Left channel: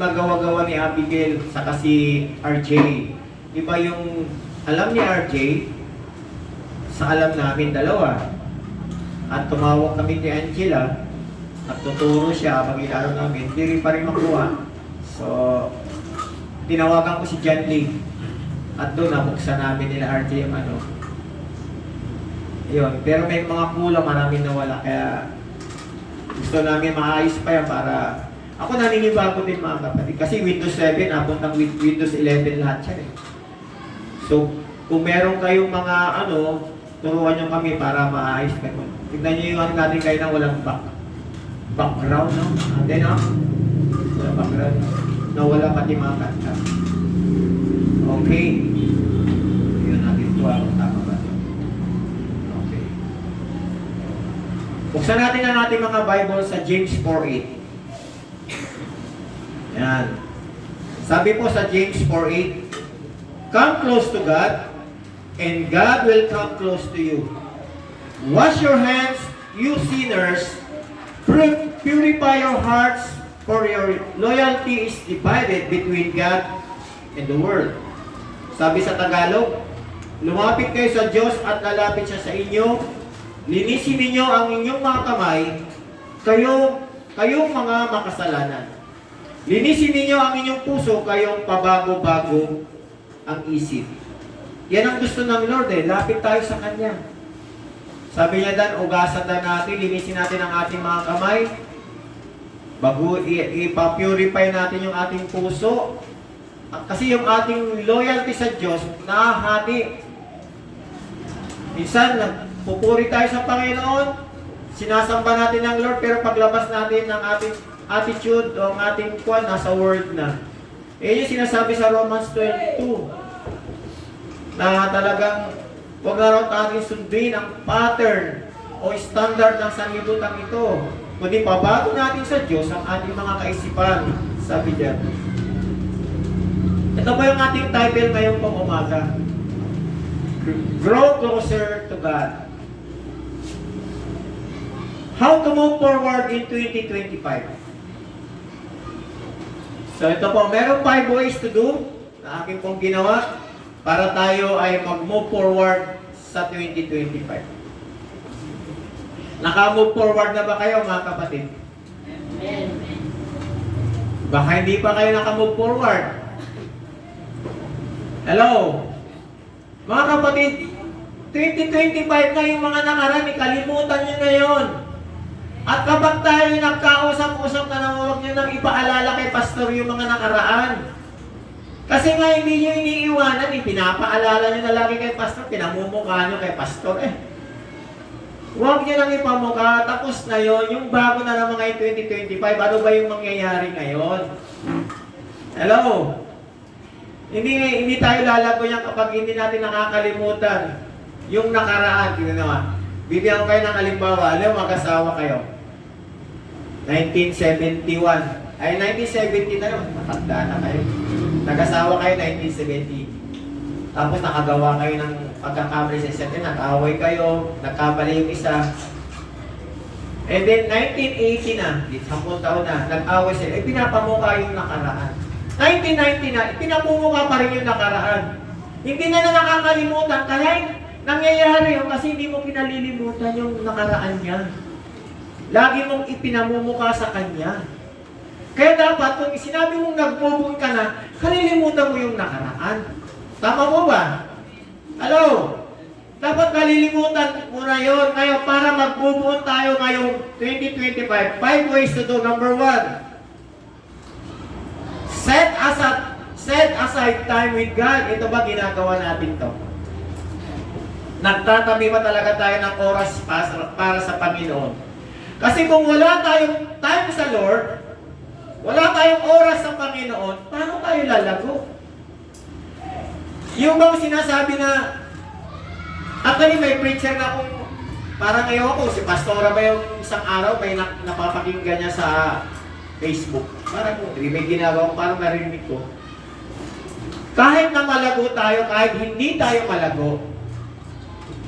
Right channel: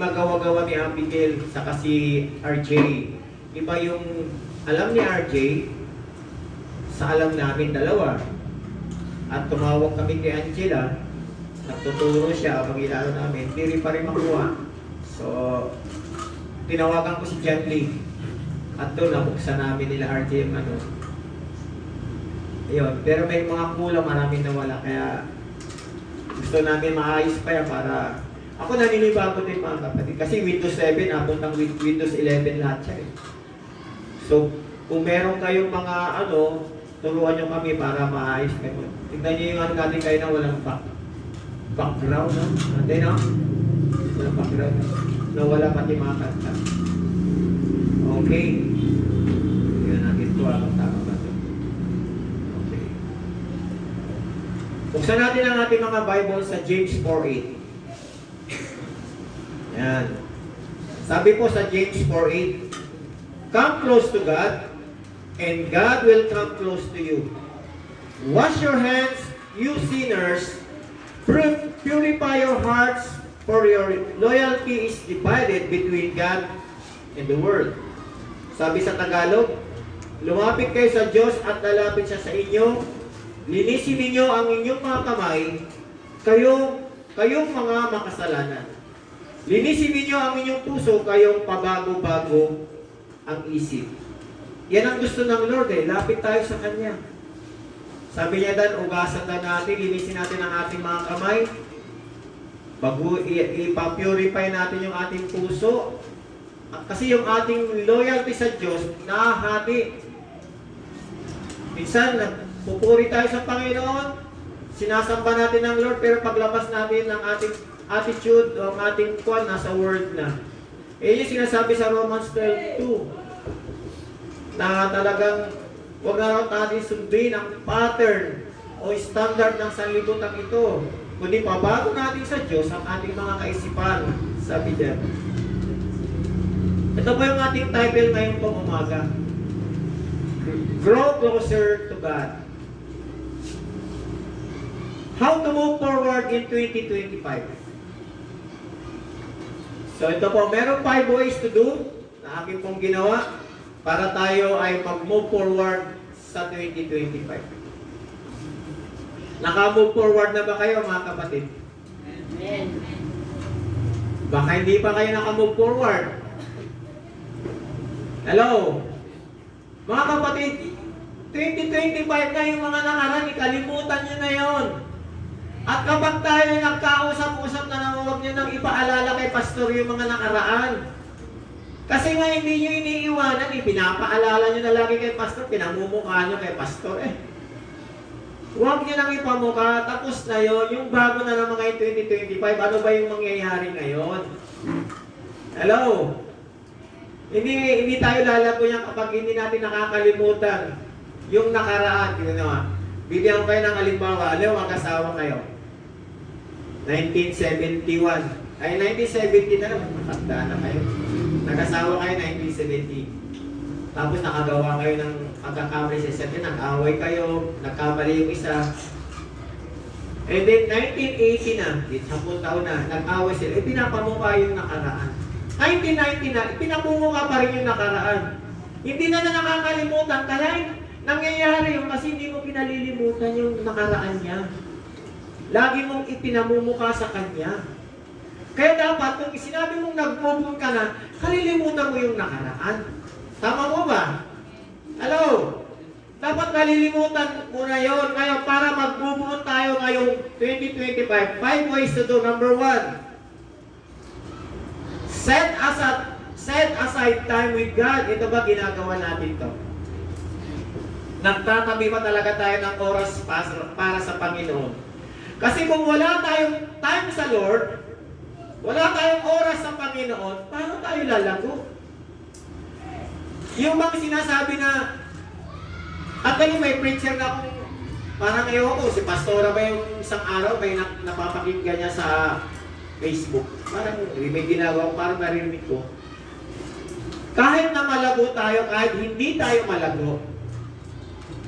magawa-gawa ni Abigail sa si RJ. Iba yung alam ni RJ sa alam namin dalawa. At tumawag kami kay Angela at tuturo siya pag ilaro namin, hindi rin pa rin makuha. So, tinawagan ko si John Lee at doon nabuksan namin nila RJ yung ano. Ayun, pero may mga kulang, maraming nawala, kaya gusto namin maayos pa yan para ako naninibago din mga kapatid. Kasi Windows 7, apuntang Windows 11 lahat siya eh. So, kung meron kayong mga ano, turuan nyo kami para maayos kayo. Tignan nyo yung ano natin kayo na walang background, no? Hindi, no? Walang background. Nawala pati mga kanta. Okay. Tignan natin ito kung tama ba. Okay. Buksan natin ang ating mga Bible sa James 4:8. Yan. Sabi po sa James 4:8, come close to God, and God will come close to you. Wash your hands, you sinners. Purify your hearts, for your loyalty is divided between God and the world. Sabi sa Tagalog, lumapit kayo sa Diyos at lalapit siya sa inyo. Linisin ninyo ang inyong mga kamay, kayong mga makasalanan. Linisin ninyo ang inyong puso, kayong pabago-bago ang isip. Yan ang gusto ng Lord eh. Lapit tayo sa Kanya. Sabi niya dan, ugasan na natin, linisin natin ang ating mga kamay. Ipapurify natin yung ating puso. Kasi yung ating loyalty sa Diyos, nahahati. Minsan, pupuri tayo sa Panginoon, sinasamba natin ng Lord, pero paglabas natin ng ating attitude o ang ating kwan, nasa word na. Yung sinasabi sa Romans 12:2 na talagang huwag na rin natin sundin ang pattern o standard ng sanlibutan ito, kundi pabago natin sa Diyos ang ating mga kaisipan, sabi diyan. Ito ba yung ating title ngayong pong umaga? Grow closer to God. How to move forward in 2025? So ito po, meron 5 ways to do na aking pong ginawa para tayo ay mag-move forward sa 2025. Naka-move forward na ba kayo mga kapatid? Amen. Baka hindi pa kayo naka-move forward. Hello? Mga kapatid, 2025 na yung mga nakaraan, kalimutan nyo na yon. At kapag tayo nagkausap-usap na huwag nyo nang ipaalala kay pastor yung mga nakaraan. Kasi nga hindi nyo iniiwanan, pinapaalala nyo na lagi kay pastor, pinamumukha nyo kay pastor eh. Huwag nyo nang ipamukha, tapos na yon, yung bago na naman ngayon 2025, ano ba yung mangyayari ngayon? Hello? Hindi tayo lalago yan kapag hindi natin nakakalimutan yung nakaraan. Bigyan ko kayo ng halimbawa, alam, mag-asawa kayo. 1971. Ay, 1970 na naman. Matanda na kayo. Nag-asawa kayo 1970. Tapos nakagawa kayo ng pagkakamali sa isa't nag-away kayo, nagkamali yung isa. And then, 1980 na, 10 taon na, nag-away sila. Pinapamukha yung nakaraan. 1990 na, pinapamukha pa rin yung nakaraan. Hindi na nakakalimutan. Kahit nangyayari yun kasi hindi mo pinalilimutan yung nakaraan niya. Lagi mong ipinamumukha sa Kanya. Kaya dapat, kung sinabi mong nag-move ka na, kalilimutan mo yung nakaraan. Tama mo ba? Hello? Dapat kalilimutan mo na yun. Ngayon, para mag-move tayo ngayong 2025, 5 ways to do. Number 1, set aside time with God. Ito ba ginagawa natin to? Nagtatabi ba talaga tayo ng oras para sa Panginoon? Kasi kung wala tayong time sa Lord, wala tayong oras sa Panginoon, paano tayo lalago? Yung bang sinasabi na, actually may preacher na kung, parang ngayon ako, si Pastora ba yung isang araw, may napapakinggan niya sa Facebook. Parang may ginagawa ko, parang narinig ko. Kahit na malago tayo, kahit hindi tayo malago,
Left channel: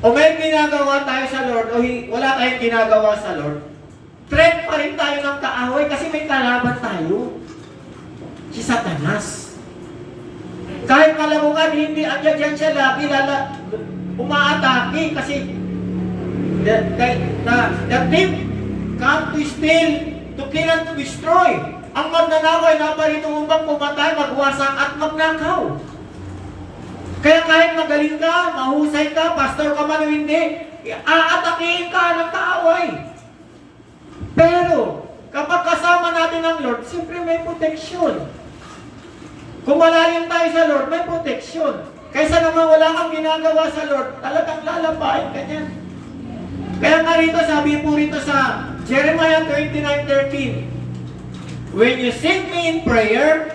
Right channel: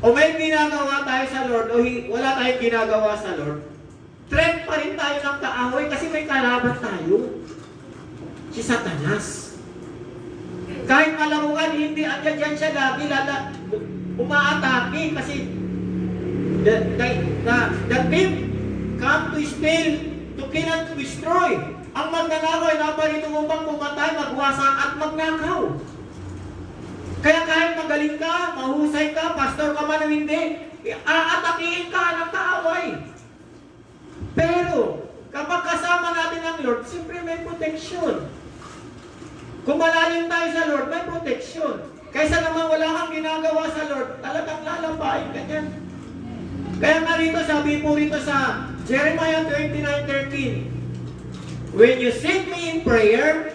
o may ginagawa tayo sa Lord, o wala tayong ginagawa sa Lord, threat pa rin tayo ng kaaway kasi may kalaban tayo. Si Satanas. Kahit kalamukan, hindi andyan siya lagi umaatake kasi the thief come to steal, to kill and to destroy. Ang magnanakaw ay naparito upang pumatay, magwasak at magnakaw. Kaya kahit magaling ka, mahusay ka, pastor ka man o hindi, aatakihin ka ng kaaway. Pero, kapag kasama natin ang Lord, siyempre may protection. Kung malalim tayo sa Lord, may protection. Kaysa naman wala kang ginagawa sa Lord, talagang lalapain ka niya. Kaya nga rito, sabi po rito sa Jeremiah 29:13, when you seek me in prayer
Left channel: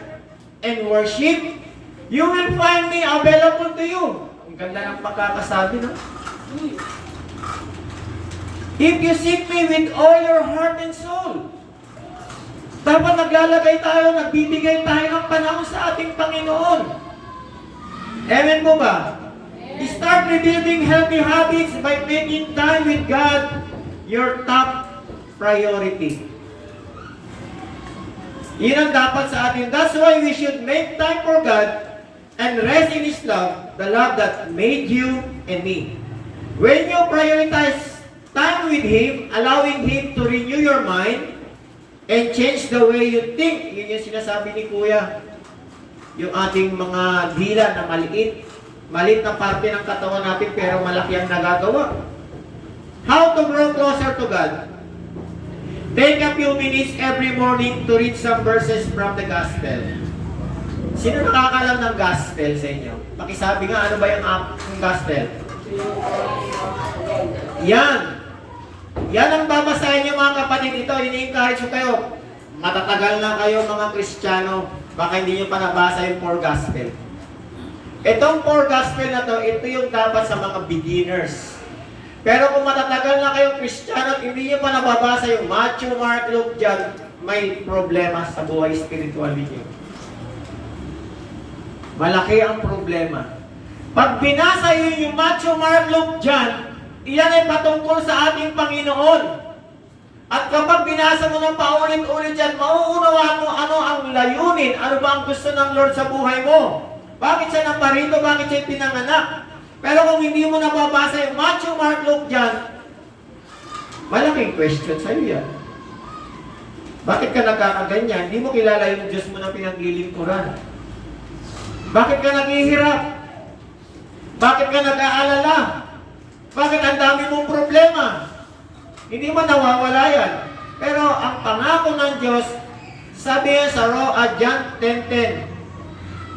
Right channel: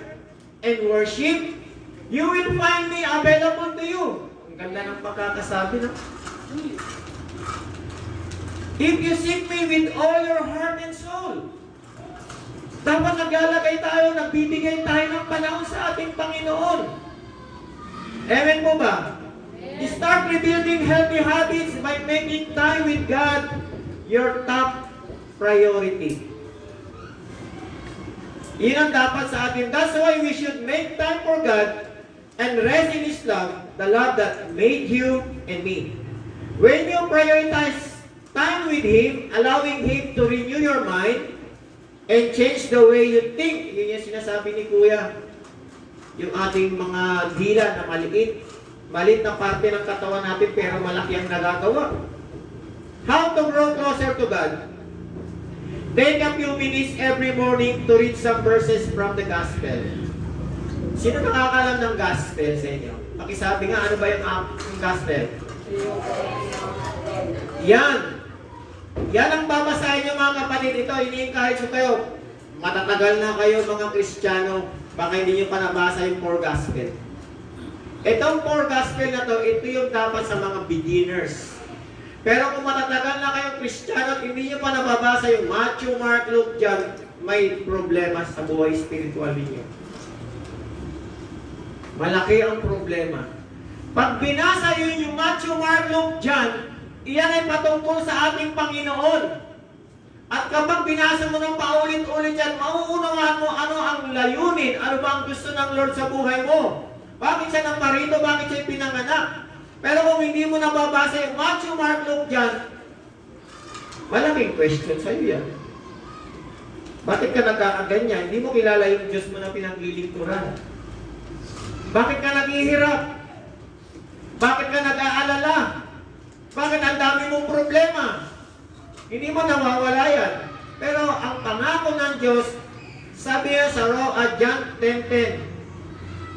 and worship, you will find me available to you. Ang ganda ng pagkakasabi, no? If you seek me with all your heart and soul. Dapat naglalagay tayo, nagbibigay tayo ng panahon sa ating Panginoon. Amen mo ba? Start rebuilding healthy habits by making time with God your top priority. Yan ang dapat sa atin. That's why we should make time for God and rest in His love, the love that made you and me. When you prioritize time with Him, allowing Him to renew your mind and change the way you think, yun yung sinasabi ni Kuya, yung ating mga dila na maliit na parte ng katawan natin pero malaki ang nagagawa. How to grow closer to God? Take a few minutes every morning to read some verses from the Gospel. Sino nakakalam ng Gospel sa inyo? Pakisabi nga, ano ba yung Gospel? Yan. Yan ang babasahin nyo mga kapatid. Ito, ini-encourage ko kayo. Matatagal na kayo mga Kristiyano. Baka hindi nyo pa nabasa yung 4 Gospel. Itong 4 Gospel na to, ito yung dapat sa mga beginners. Pero kung matatagal na kayong Kristiyano at hindi nyo pa nababasa yung Matthew, Mark, Luke, John, may problema sa buhay spiritual ninyo. Malaki ang problema. Pag binasa yun yung Matthew, Mark, Luke, John, iyan ay patungkol sa ating Panginoon. At kapag binasa mo ng paulit-ulit yan, mauunawaan mo ano ang layunin, ano ba ang gusto ng Lord sa buhay mo. Bakit siya naparito, bakit siya pinanganak. Pero kung hindi mo nababasa yung Matthew, Mark, Luke, John, malaking question sa iyo yan. Bakit ka nagkakaganyan? Hindi mo kilala yung Diyos mo na pinaglilingkuran. Bakit ka naghihirap? Bakit ka nag-aalala? Bakit ang dami mong problema? Hindi man nawawala yan. Pero ang pangako ng Diyos, sabi niya sa John 10:10,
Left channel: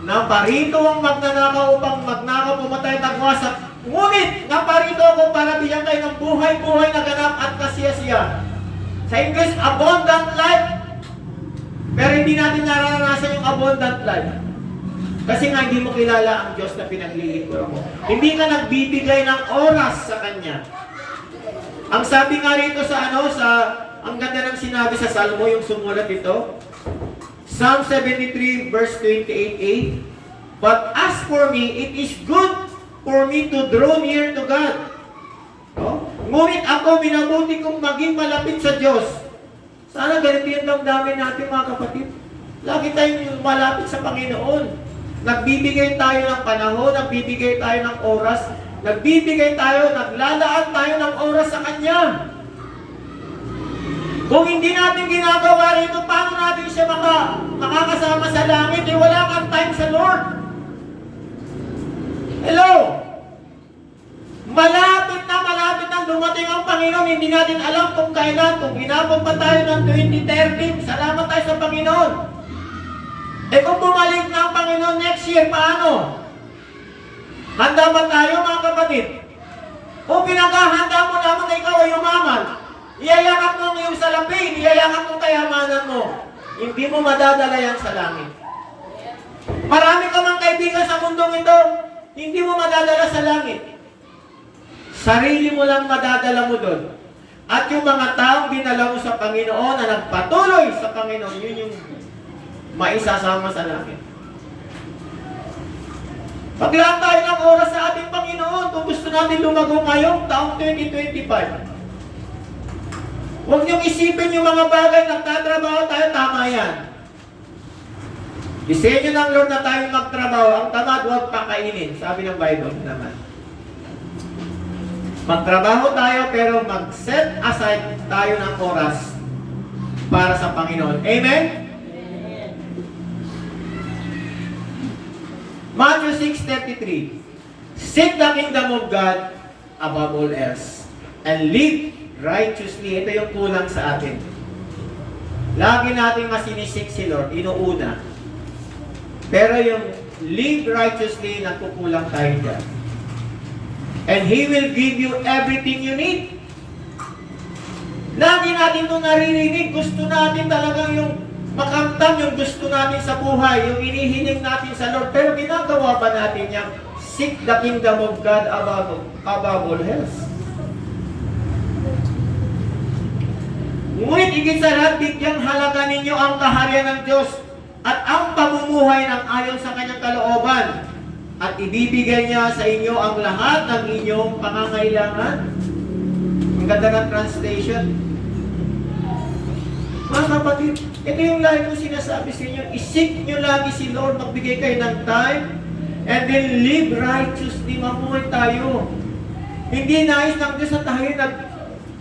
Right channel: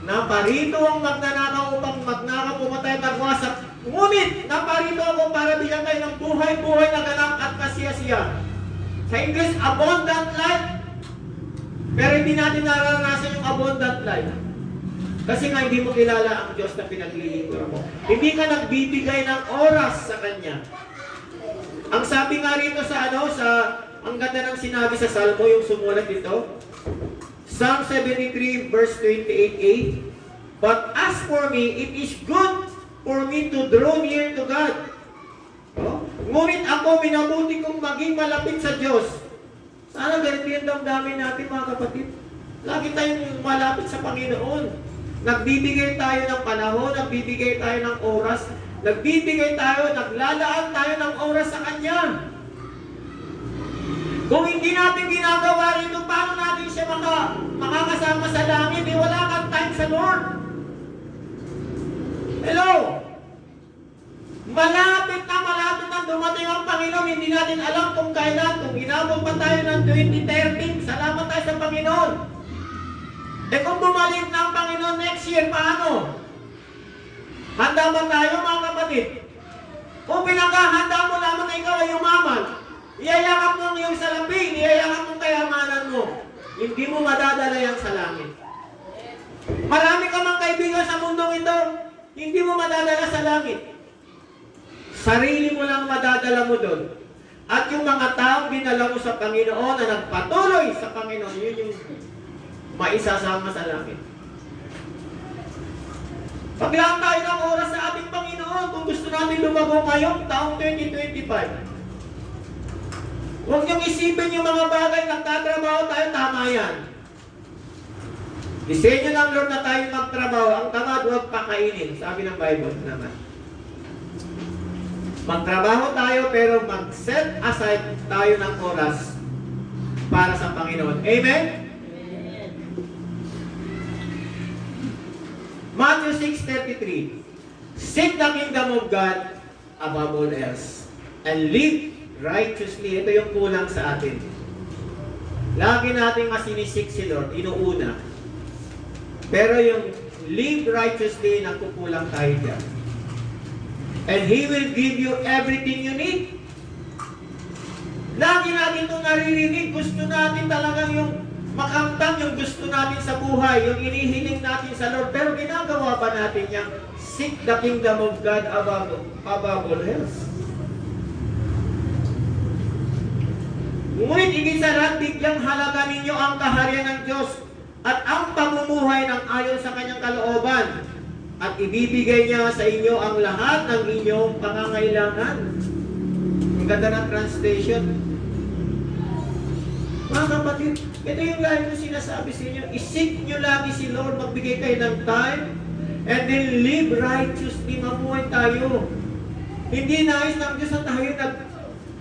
naparito ang magnanakaw upang magnakaw, pumatay at nagwasak. Ngunit, naparito ako para bigyan kayo ng buhay-buhay na ganap at kasiyasiya. Sa English, abundant life. Pero hindi natin nararanasan yung abundant life. Kasi nga hindi mo kilala ang Diyos na pinaglilingkuran mo. Hindi ka nagbibigay ng oras sa Kanya. Ang sabi nga rito ang ganda ng sinabi sa Salmo, yung sumulat ito, Psalm 73 verse 28a, but as for me, it is good for me to draw near to God. Ngunit ako, minabuti kong maging malapit sa Diyos. Sana ganito yung damdamin natin mga kapatid. Lagi tayong malapit sa Panginoon. Nagbibigay tayo ng panahon, nagbibigay tayo ng oras, naglalaan tayo ng oras sa Kanya. Kung hindi natin ginagawa rito, paano natin siya makakasama sa langit? Wala kang time sa Lord. Hello? Malapit na dumating ang Panginoon. Hindi natin alam kung kailan. Kung inabot pa tayo ng 2013, salamat tayo sa Panginoon. Kung bumalik na ang Panginoon next year, paano? Handa ba tayo mga kapatid? Kung pinaghahanda mo lamang na ikaw ay umaman, iyayakap mo yung salapi, iyayakap mo kayamanan mo, hindi mo madadala yan sa langit. Marami ka mang kaibigan sa mundong ito, hindi mo madadala sa langit. Sarili mo lang madadala mo doon. At yung mga taong dinala mo sa Panginoon na nagpatuloy sa Panginoon, yun yung maisasama sa langit. Paglaan tayo ng oras sa ating Panginoon kung gusto natin lumago ngayong taong 2025. Huwag niyong isipin yung mga bagay, nagtatrabaho tayo, tama yan. Disenyo ng Lord na tayo magtrabaho, ang tamad huwag pakainin. Sabi ng Bible naman. Magtrabaho tayo pero mag-set aside tayo ng oras para sa Panginoon. Amen? Matthew 6:33. Seek the kingdom of God above all else and live righteously. Ito yung kulang sa atin. Lagi nating masinisik si Lord, inuuna. Pero yung live righteously, nagkukulang tayo dyan. And He will give you everything you need. Lagi natin itong naririnig. Gusto natin talagang yung makamtam yung gusto natin sa buhay, yung inihiling natin sa Lord. Pero ginagawa ba natin yung seek the kingdom of God above all else? Ngunit higit sa lahat, bigyang halaga ninyo ang kaharian ng Diyos at ang pamumuhay ng ayon sa kanyang kalooban. At ibibigay niya sa inyo ang lahat ng inyong pangangailangan. Ang ganda ng translation. Mga kapatid, ito yung lagi ko sinasabi sa inyo. Isik nyo lagi si Lord, magbigay kayo ng time, and then live righteously, mamuhay tayo. Hindi nais ng Diyos na tayo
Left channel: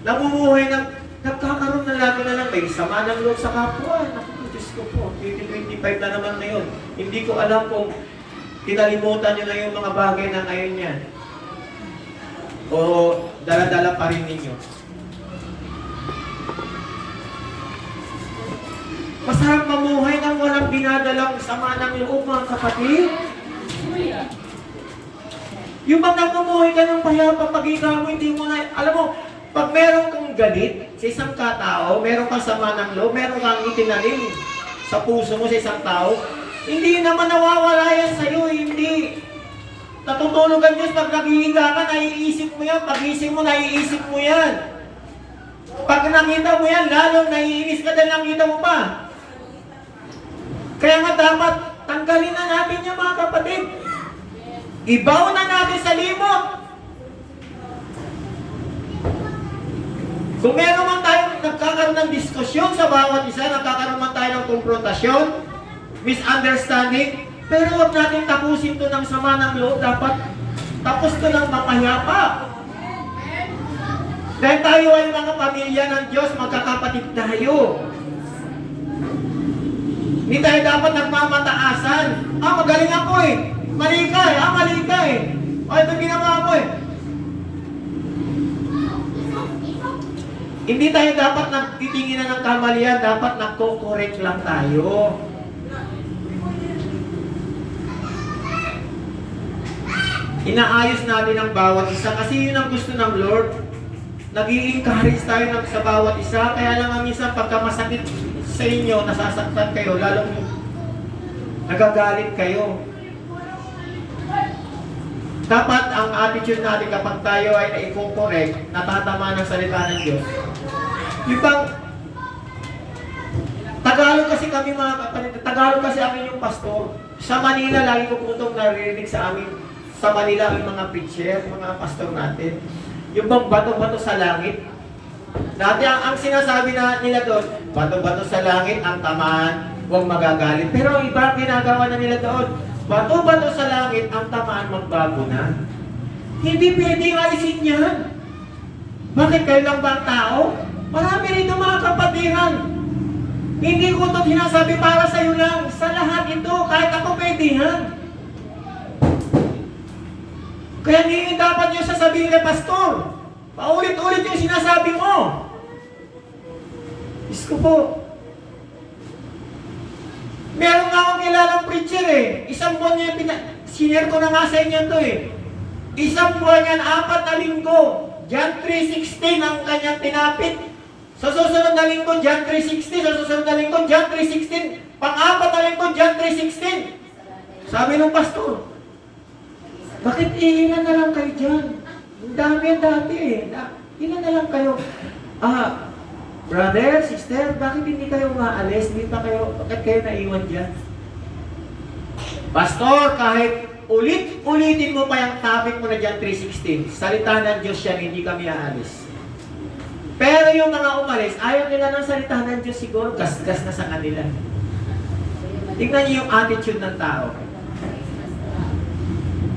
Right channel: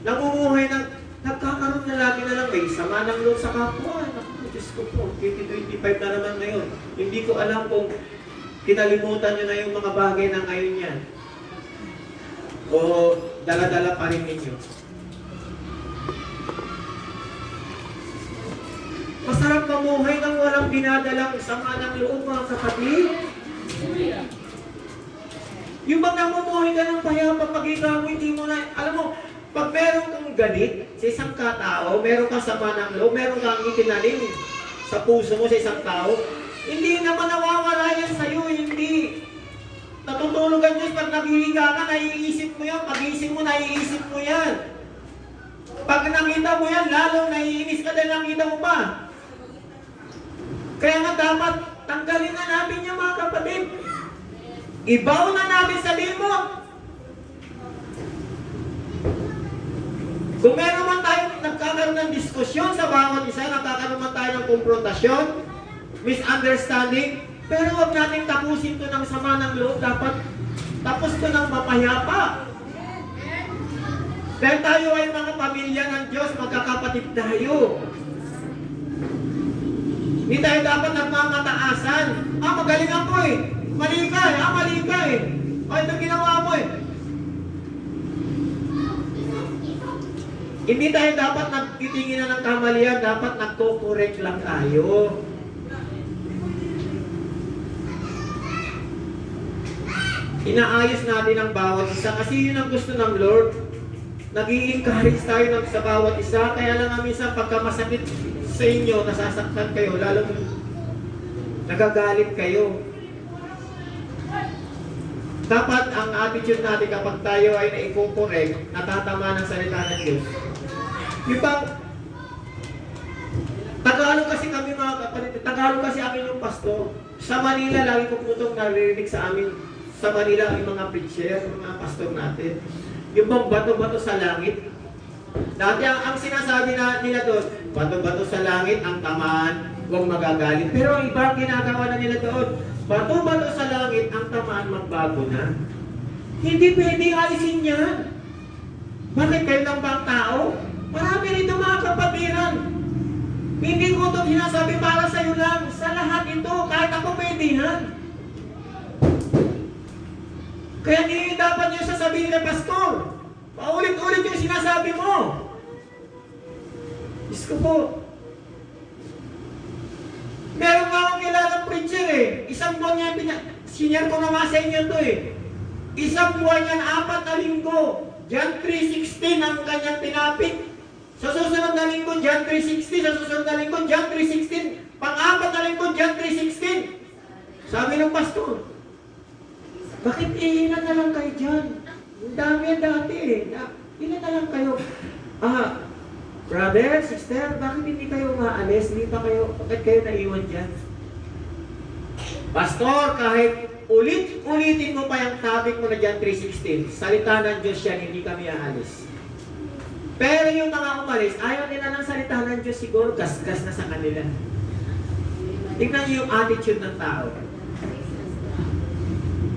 namumuhay ng nagkakaroon na lagi na lang may sama ng loob sa kapwa. Naku, Diyos ko po, 2025 na naman ngayon. Hindi ko alam kung kinalimutan nyo na yung mga bagay na ngayon yan. O dala-dala pa rin ninyo. Masarap mamuhay ng walang dinadalang sama ng loob, mga kapatid. Yung bang namumuhay ka ng payapa, pag ikaw mo, hindi mo na, alam mo, pag meron kang galit sa isang katao, meron kang sama ng loob, meron kang itinanim sa puso mo sa isang tao, hindi naman nawawala yan sa'yo, hindi. Natutulog ang Diyos, pag naghihiga ka, naiisip mo yan, pag-isip mo, naiisip mo yan. Pag nakita mo yan, lalong naiinis ka dahil nakita mo pa. Kaya nga dapat, tanggalin na natin yung mga kapatid. Ibaw na natin sa limot. Kung meron man tayo nagkakaroon ng diskusyon sa bawat isa, nagkakaroon man tayo ng konfrontasyon, misunderstanding, pero huwag natin tapusin ito ng sama ng loob. Dapat tapos ito ng mapayapa. Dahil tayo ay mga pamilya ng Diyos, magkakapatid tayo. Hindi tayo dapat nagmamataasan. Magaling ako eh. Mali ka eh. Mali ka eh. Ito ginawa mo eh. Hindi tayo dapat nagtitinginan ng kamalian, dapat nagko-correct lang tayo. Inaayos natin ang bawat isa kasi yun ang gusto ng Lord. Nag-i-encourage tayo sa bawat isa, kaya lang minsan pagka masakit sa inyo, nasasaktan kayo, lalong nagagalit kayo. Dapat ang attitude natin kapag tayo ay na-i-correct, natatama ng salita ng Diyos. Yung bang, Tagalog kasi kami mga kapatid, Tagalog kasi amin yung pastor. Sa Manila, lagi ko po itong naririnig sa amin, sa Manila ang mga preacher, mga pastor natin. Yung bang bato-bato sa langit. Dati ang sinasabi nila doon, bato-bato sa langit, ang tamaan, huwag magagalit. Pero ang iba ginagawa na nila doon, bato-bato sa langit, ang tamaan magbago na. Hindi pwedeng alisin yan. Bakit kayo lang ba ang tao? Marami rito mga kapatiran. Hindi ko ito sinasabi para sa iyo lang. Sa lahat ito, kahit ako pwede yan. Kaya hindi dapat nyo sasabihin na pastor. Paulit-ulit yung sinasabi mo. Diyos ko po. Meron nga akong kilalang preacher eh. Isang buwan niya, senior ko na nga sa inyo to eh. Isang buwan yan, 4 na linggo. John 3:16 ang kanyang tinapit. Sa susunod na linggo, John 3:16. Sa susunod na linggo, John 3:16. Pang-4 na linggo, John 3:16. Sabi ng pastor, bakit ilan na lang kayo dyan? Ang dami eh. Ilan na lang kayo? Brother, sister, bakit hindi kayo maalis? Bakit kayo naiwan dyan? Pastor, kahit ulit-ulitin mo pa yung topic mo na John 3:16, salita ng Diyos yan, hindi kami aalis. Pero yung mga umalis, ayaw nila ng salita ng Diyos siguro, gas-gas na sa kanila. Tingnan niyo yung attitude ng tao.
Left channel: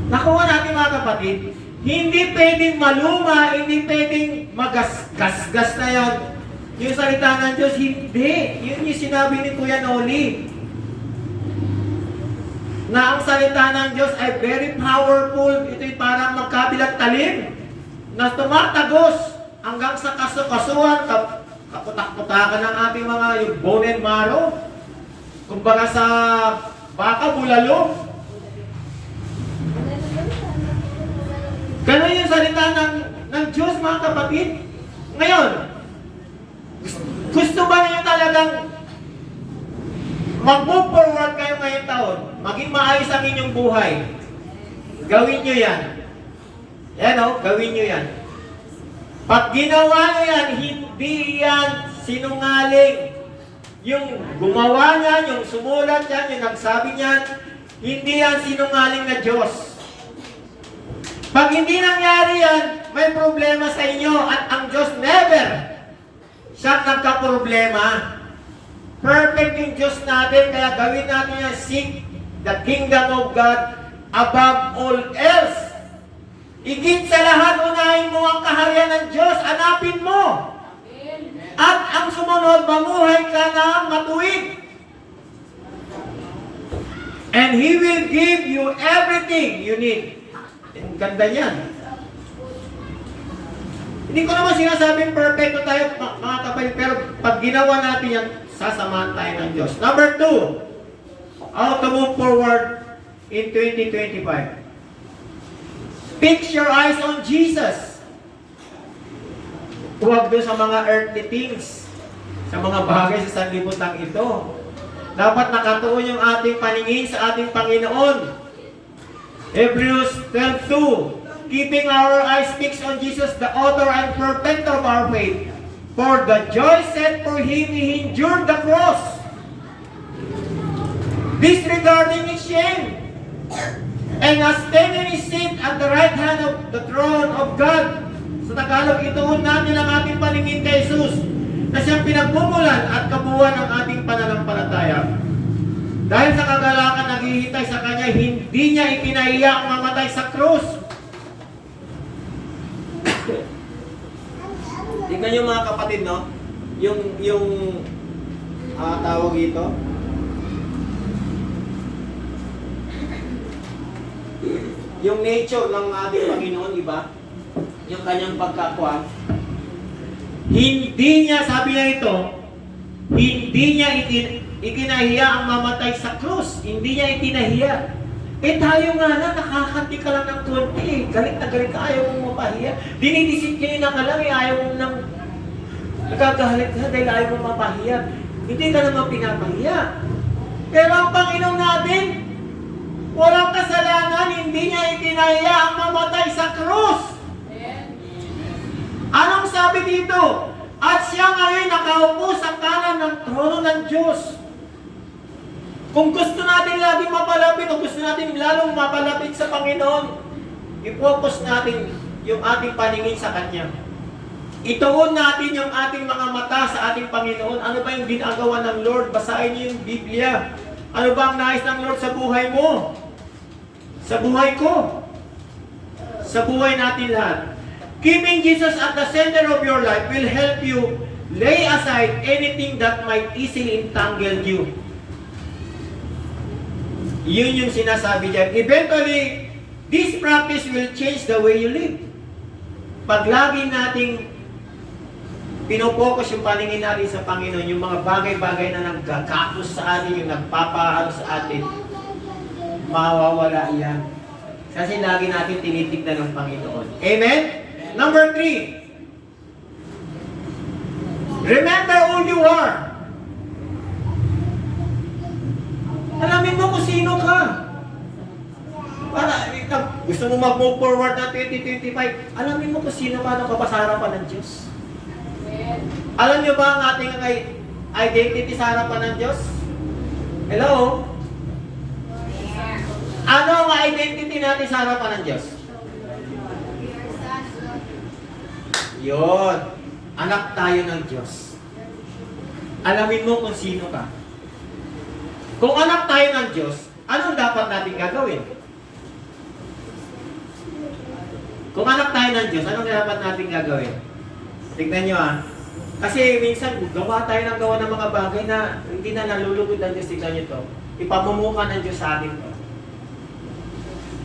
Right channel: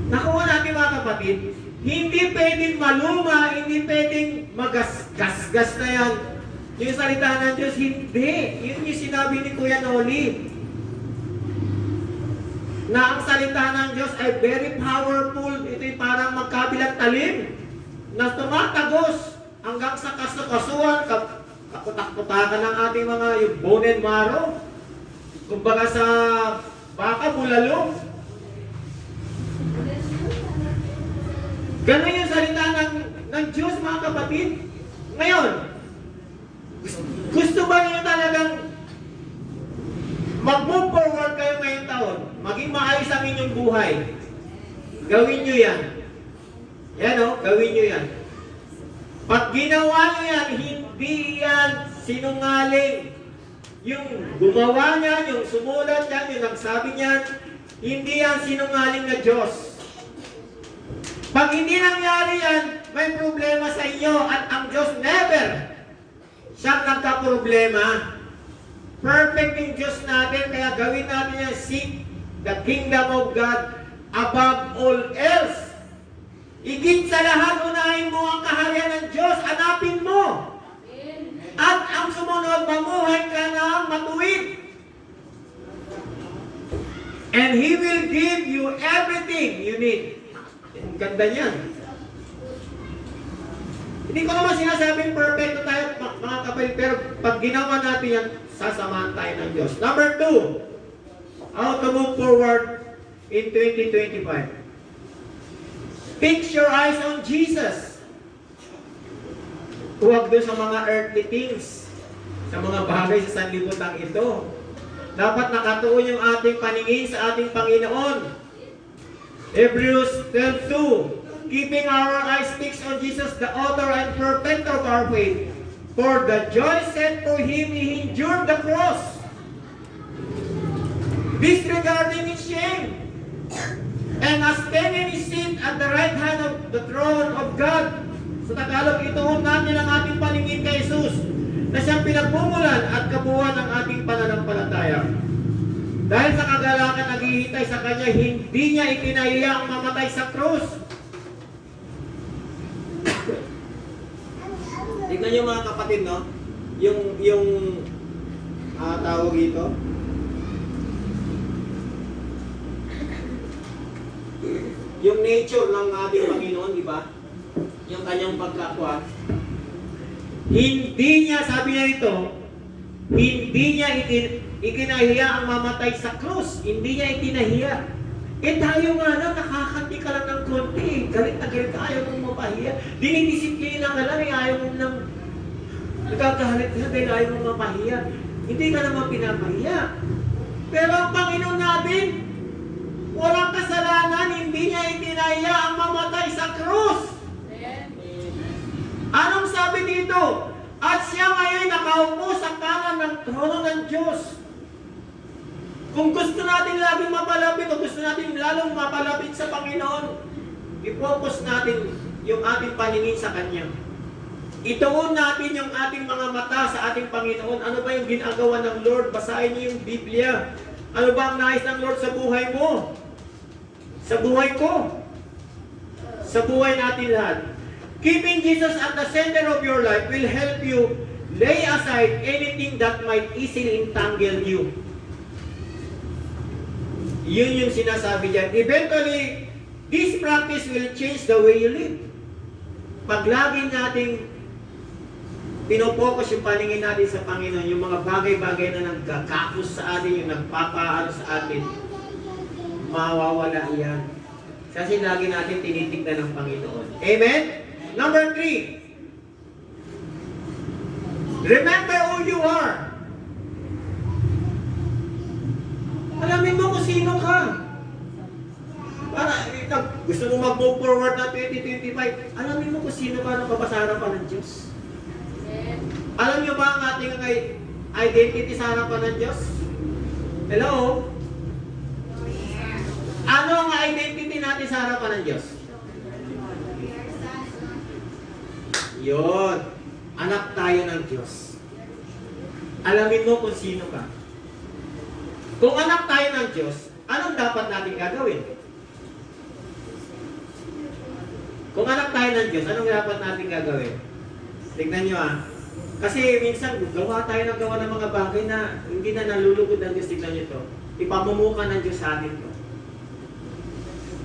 Nakuha natin mga kapatid, hindi pwedeng maluma, hindi pwedeng magasgas na yan. Yung salita ng Diyos, hindi. Yun yung sinabi ni Kuya Noli. Na ang salita ng Diyos ay very powerful. Ito'y parang magkabilang talim na tumatagos hanggang sa kasukasuan, kaputak-putakan ng ating mga yung bone and marrow. Kumbaga sa baka, bulalo. Ganun yung salita ng Diyos, mga kapatid. Ngayon, gusto ba niyo talagang mag-move forward kayo ngayong taon? Maging maayos ang inyong buhay. Gawin nyo yan. Yan o, gawin nyo yan. Pag ginawa nyo yan, hindi yan sinungaling. Yung gumawa niyan, yung sumulat yan, yung nagsabi niyan, hindi yan sinungaling na Diyos. Pag hindi nangyari yan, may problema sa inyo at ang Diyos never siyang nagka-problema. Perfect yung Diyos natin, kaya gawin natin yan, seek the kingdom of God above all else. Higit sa lahat, unahin mo ang kaharian ng Diyos, hanapin mo. At ang sumunod, mamuhay ka na matuwid. And He will give you everything you need. Ang ganda niyan. Hindi ko naman sinasabing perfecto tayo, mga kapatid, pero pag ginawa natin yan, sasamahan tayo ng Diyos. Number 2, how to move forward in 2025. Fix your eyes on Jesus. Huwag doon sa mga earthly things, sa mga bagay sa sanlibutan ito. Dapat nakatuon yung ating paningin sa ating Panginoon. Hebrews 12:2, keeping our eyes fixed on Jesus, the author and perfecter of our faith. For the joy set for Him, He endured the cross, disregarding His shame, and has taken His seat at the right hand of the throne of God. Sa Tagalog, ituon natin ang ating paningin kay Jesus, na siyang pinagmumulan at kabuuan ng ating pananampalataya. Dahil sa kagalakan naghihintay sa Kanya, hindi niya ikinahiya ang mamatay sa krus. Tignan niyo mga kapatid, no? Yung tawag ito. Yung nature ng ating Panginoon, di ba? Yung kanyang pagkakwa. Hindi niya, sabi niya ito, hindi niya ikinahiya ang mamatay sa krus. Hindi niya ikinahiya. Tayo nga na, nakakati ka lang ng konti. Galit na galit ka, ayaw mong mapahiya. Dinidisiplina ka lang, ayaw mong nang nagkagalit ka dahil ayaw mong mapahiya. Hindi ka naman pinapahiya. Pero ang Panginoon natin, walang kasalanan, hindi niya ikinahiya ang mamatay sa krus. Anong sabi dito? At siya ngayon nakaupo sa kanan ng trono ng Diyos. Kung gusto natin laging mapalapit o gusto natin lalong mapalapit sa Panginoon, i-focus natin yung ating paningin sa Kanya. Ituon natin yung ating mga mata sa ating Panginoon. Ano ba yung ginagawa ng Lord? Basahin niyo yung Biblia. Ano ba ang nais ng Lord sa buhay mo? Sa buhay ko? Sa buhay natin lahat. Keeping Jesus at the center of your life will help you lay aside anything that might easily entangle you. Yun yung sinasabi diyan. Eventually, this practice will change the way you live. Pag lagi nating pinopokus yung paningin natin sa Panginoon, yung mga bagay-bagay na nagkakapos sa atin, yung nagpapaano sa atin, mawawala yan. Kasi lagi natin tinitignan ng Panginoon. Amen? Number 3. Remember who you are. Alamin mo kung sino ka. Para gusto mo mag-move forward na 2025, alamin mo kung sino ka nang kapasarapan ng Diyos. Alam niyo ba ang ating identity sa harapan ng Diyos? Hello? Ano ang identity natin sa harapan ng Diyos? Yun. Anak tayo ng Diyos. Alamin mo kung sino ka. Kung anak tayo ng Diyos, anong dapat natin gagawin? Kung anak tayo ng Diyos, anong dapat natin gagawin? Tignan nyo Kasi minsan, gawa tayo ng gawa ng mga bagay na hindi na nalulugod ng Diyos. Tignan nyo ito. Ipamumukan ng Diyos sa atin ito.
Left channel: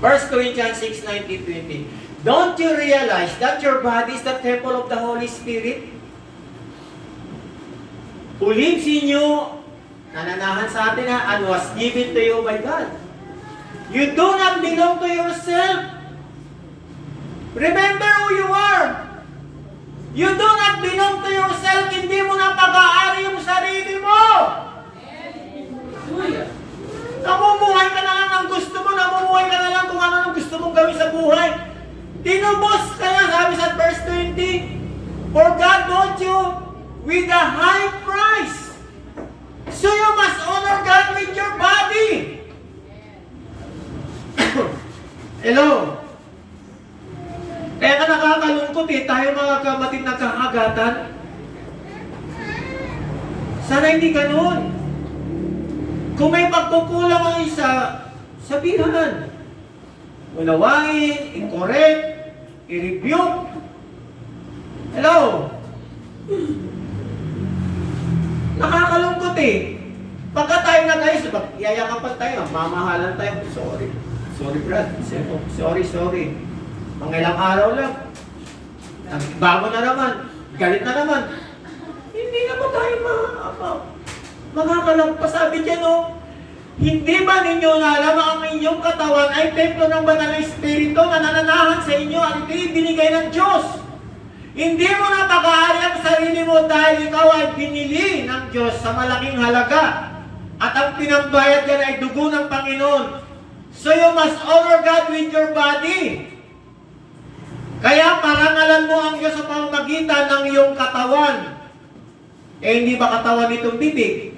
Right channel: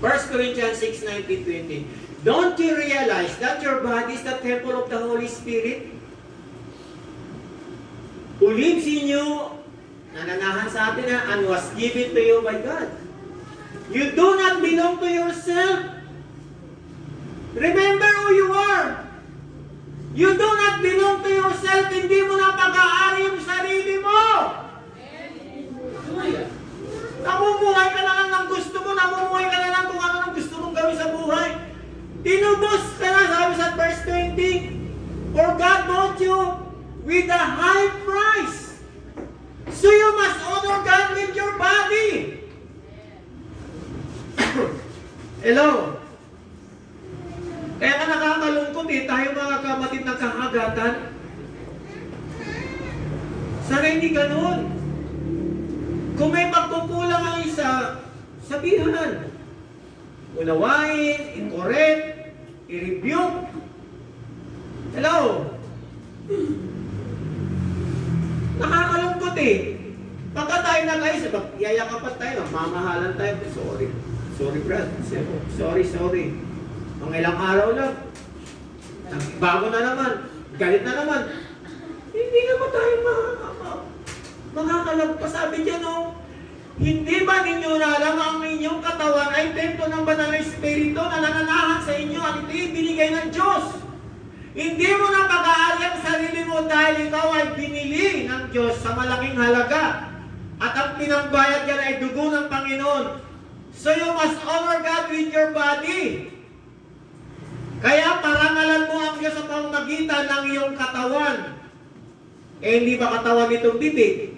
1 Corinthians 6:19-20. Don't you realize that your body is the temple of the Holy Spirit? Who lives in you, nananahan sa atin and was given to you by God. You do not belong to yourself. Remember who you are. You do not belong to yourself. Hindi mo na pag-aari yung sarili mo. Namumuhay ka na lang ng gusto mo. Namumuhay ka na lang kung ano ang gusto mong gawin sa buhay. Tinubos ka na, sabi sa verse 20. For God bought you with a high price. So you must honor God with your body. Hello? Kaya ka nakakalungkot tayo mga kapatid nagkakagatan. Sana hindi ganun. Kung may pagkukulang ang isa, sabihan. Unawain, i-correct, i-rebuke. Hello? Nakakalungkot Pagka tayo nag-ayos, yayakapan tayo, mamahalan tayo. Sorry Brad. Sorry. Mga ilang araw lang. Bago na naman. Galit na naman. Hindi naman tayo makakalagpas. Sabi dyan, hindi ba ninyo alam ang inyong katawan ay templo ng banal na Espiritu na nananahan sa inyo at ito'y binigay ng Diyos? Hindi mo na pag-aari ang sarili mo dahil ikaw ay binili ng Diyos sa malaking halaga at ang pinambayad yan ay dugo ng Panginoon. So you must honor God with your body. Kaya parangalan mo ang Diyos sa pamamagitan ng iyong katawan. Hindi ba katawan itong bibig?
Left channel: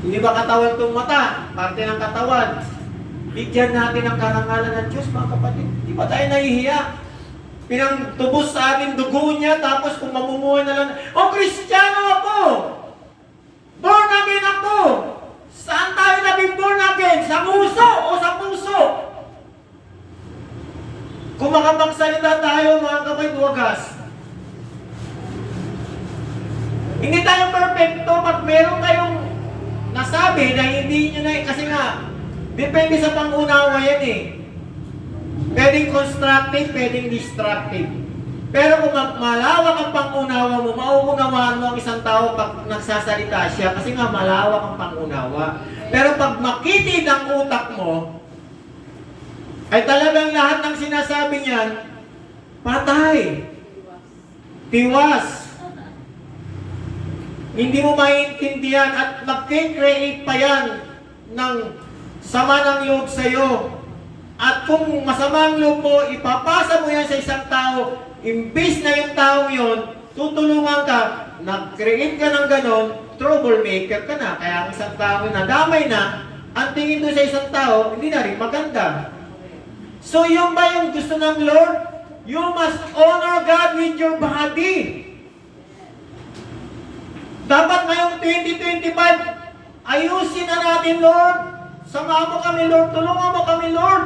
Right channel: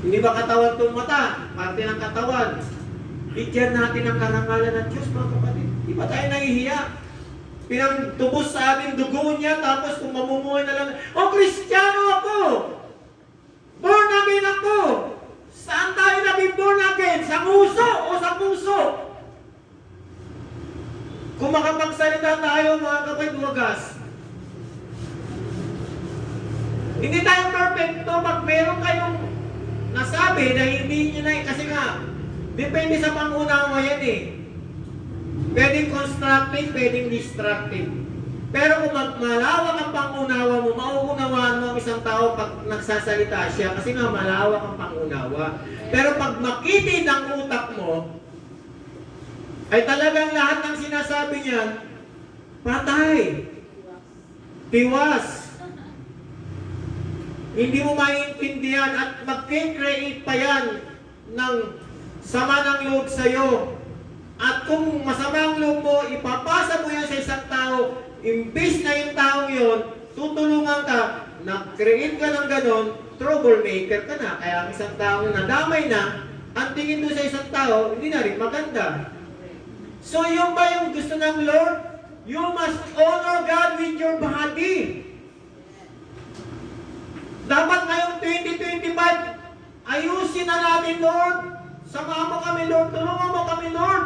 Hindi ba katawan itong mata? Parte ng katawan. Bigyan natin ang karangalan ng Diyos, mga kapatid. Di ba tayo nahihiya? Pinagtubos sa ating dugo niya, tapos kung mamumuhay na lang, Kristiyano ako! Born again ako! Saan tayo naging born again? Sa nguso o sa puso? Kung makapagsalita tayo, mga kapatid, wagas. Hindi tayo perfecto pag meron kayong nasabi na hindi nyo na, kasi nga, depende sa pangunawa yan Pwedeng constructive, pwedeng destructive. Pero kung malawak ang pangunawa mo, mauunawaan mo ang isang tao pag nagsasalita siya kasi nga malawak ang pangunawa. Pero pag makitid ang utak mo, ay talagang lahat ng sinasabi niyan, patay, tiwas. Hindi mo maintindihan at mag-create pa yan ng sama ng loob sa'yo. At kung masama ang loob mo, ipapasa mo yan sa isang tao, imbis na yung taong yun, tutulungan ka, nag-create ka ng ganon, troublemaker ka na. Kaya ang isang tao na damay na, ang tingin doon sa isang tao, hindi na rin maganda. So yung ba yung gusto ng Lord? You must honor God with your body. Dapat ngayong 2025, ayusin na natin, Lord. Sama mo kami, Lord. Tulungan mo kami, Lord.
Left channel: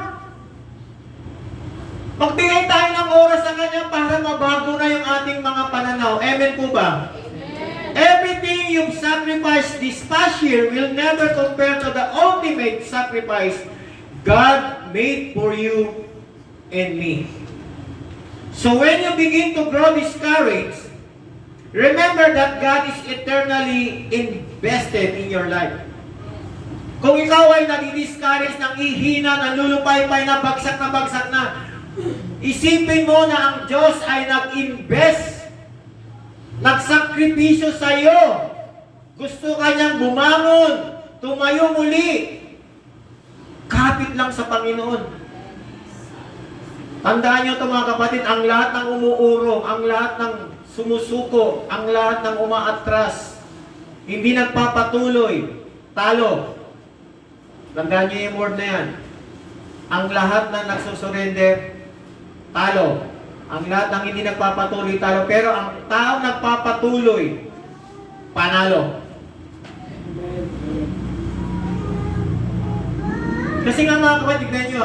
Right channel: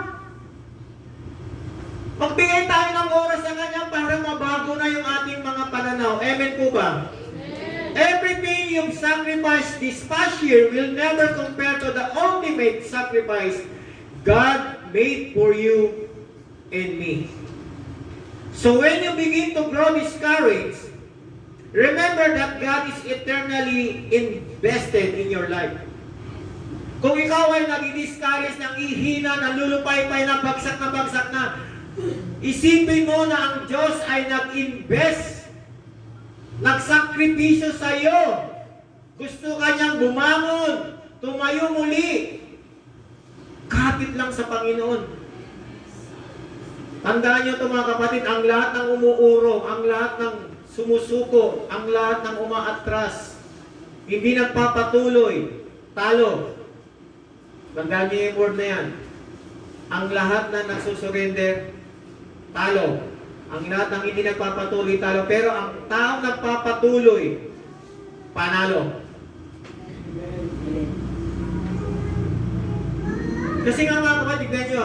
Magbigay tayo ng oras sa Kanya para mabago na yung ating mga pananaw. Amen po ba? Amen. Everything you've sacrificed this past year will never compare to the ultimate sacrifice God made for you and me. So when you begin to grow discouraged, remember that God is eternally invested in your life. Kung ikaw ay nadi-discourage ng ihina, nalulupay-pay na bagsak na, isipin mo na ang Diyos ay nag-invest, nagsakripisyo sa iyo. Gusto kanyang bumangon, tumayo muli. Kapit lang sa Panginoon. Tandaan nyo ito mga kapatid, ang lahat ng umuurong, ang lahat ng sumusuko, ang lahat ng umaatras, hindi nagpapatuloy, talo. Tandaan nyo yung word na yan. Ang lahat na nagsusurrender, talo. Ang lahat ng hindi nagpapatuloy, talo. Pero ang taong nagpapatuloy, panalo. Kasi nga mga kapatid, tignan nyo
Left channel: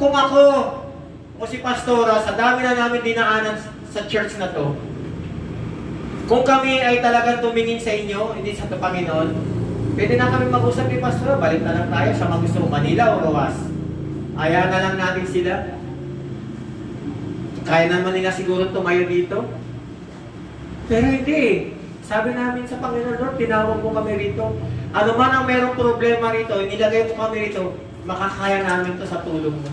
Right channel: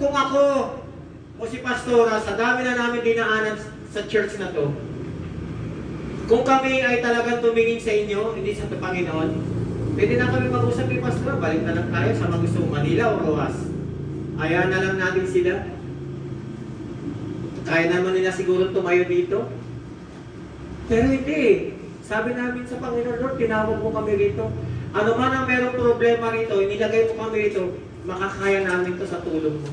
kung ako o si Pastora, sa dami na namin dinaanan sa church na to, kung kami ay talagang tumingin sa inyo, hindi sa Panginoon, pwede na kami mag-usap ni Pastora, balik na lang tayo sa mga gusto Manila o Roas. Ayaw na lang natin sila. Kaya naman nila siguro tumayo dito. Pero hindi. Sabi namin sa Panginoon, Lord, tinawag mo kami rito. Ano man ang merong problema rito, inilagay mo kami rito, makakaya namin to sa tulong mo.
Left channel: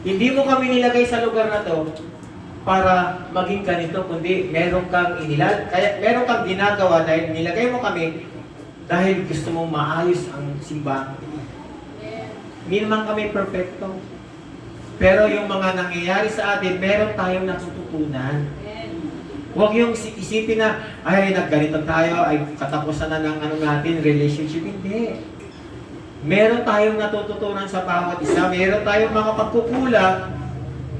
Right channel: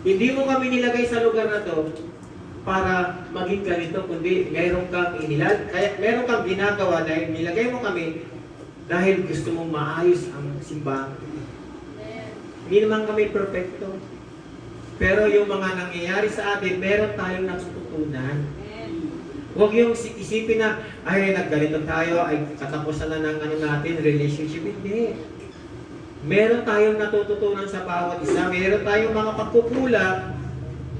Hindi mo kami nilagay sa lugar na to para maging ganito, kundi meron kang meron kang ginagawa dahil nilagay mo kami dahil gusto mong maayos ang simbahan. Hindi naman kami perfecto. Pero yung mga nangyayari sa atin, meron tayong natututunan. Huwag yung isipin na, ay, nagganito tayo, ay katapusan na ng natin, relationship. Hindi. Meron tayong natututunan sa bawat isa. Meron tayong mga pagkukulang,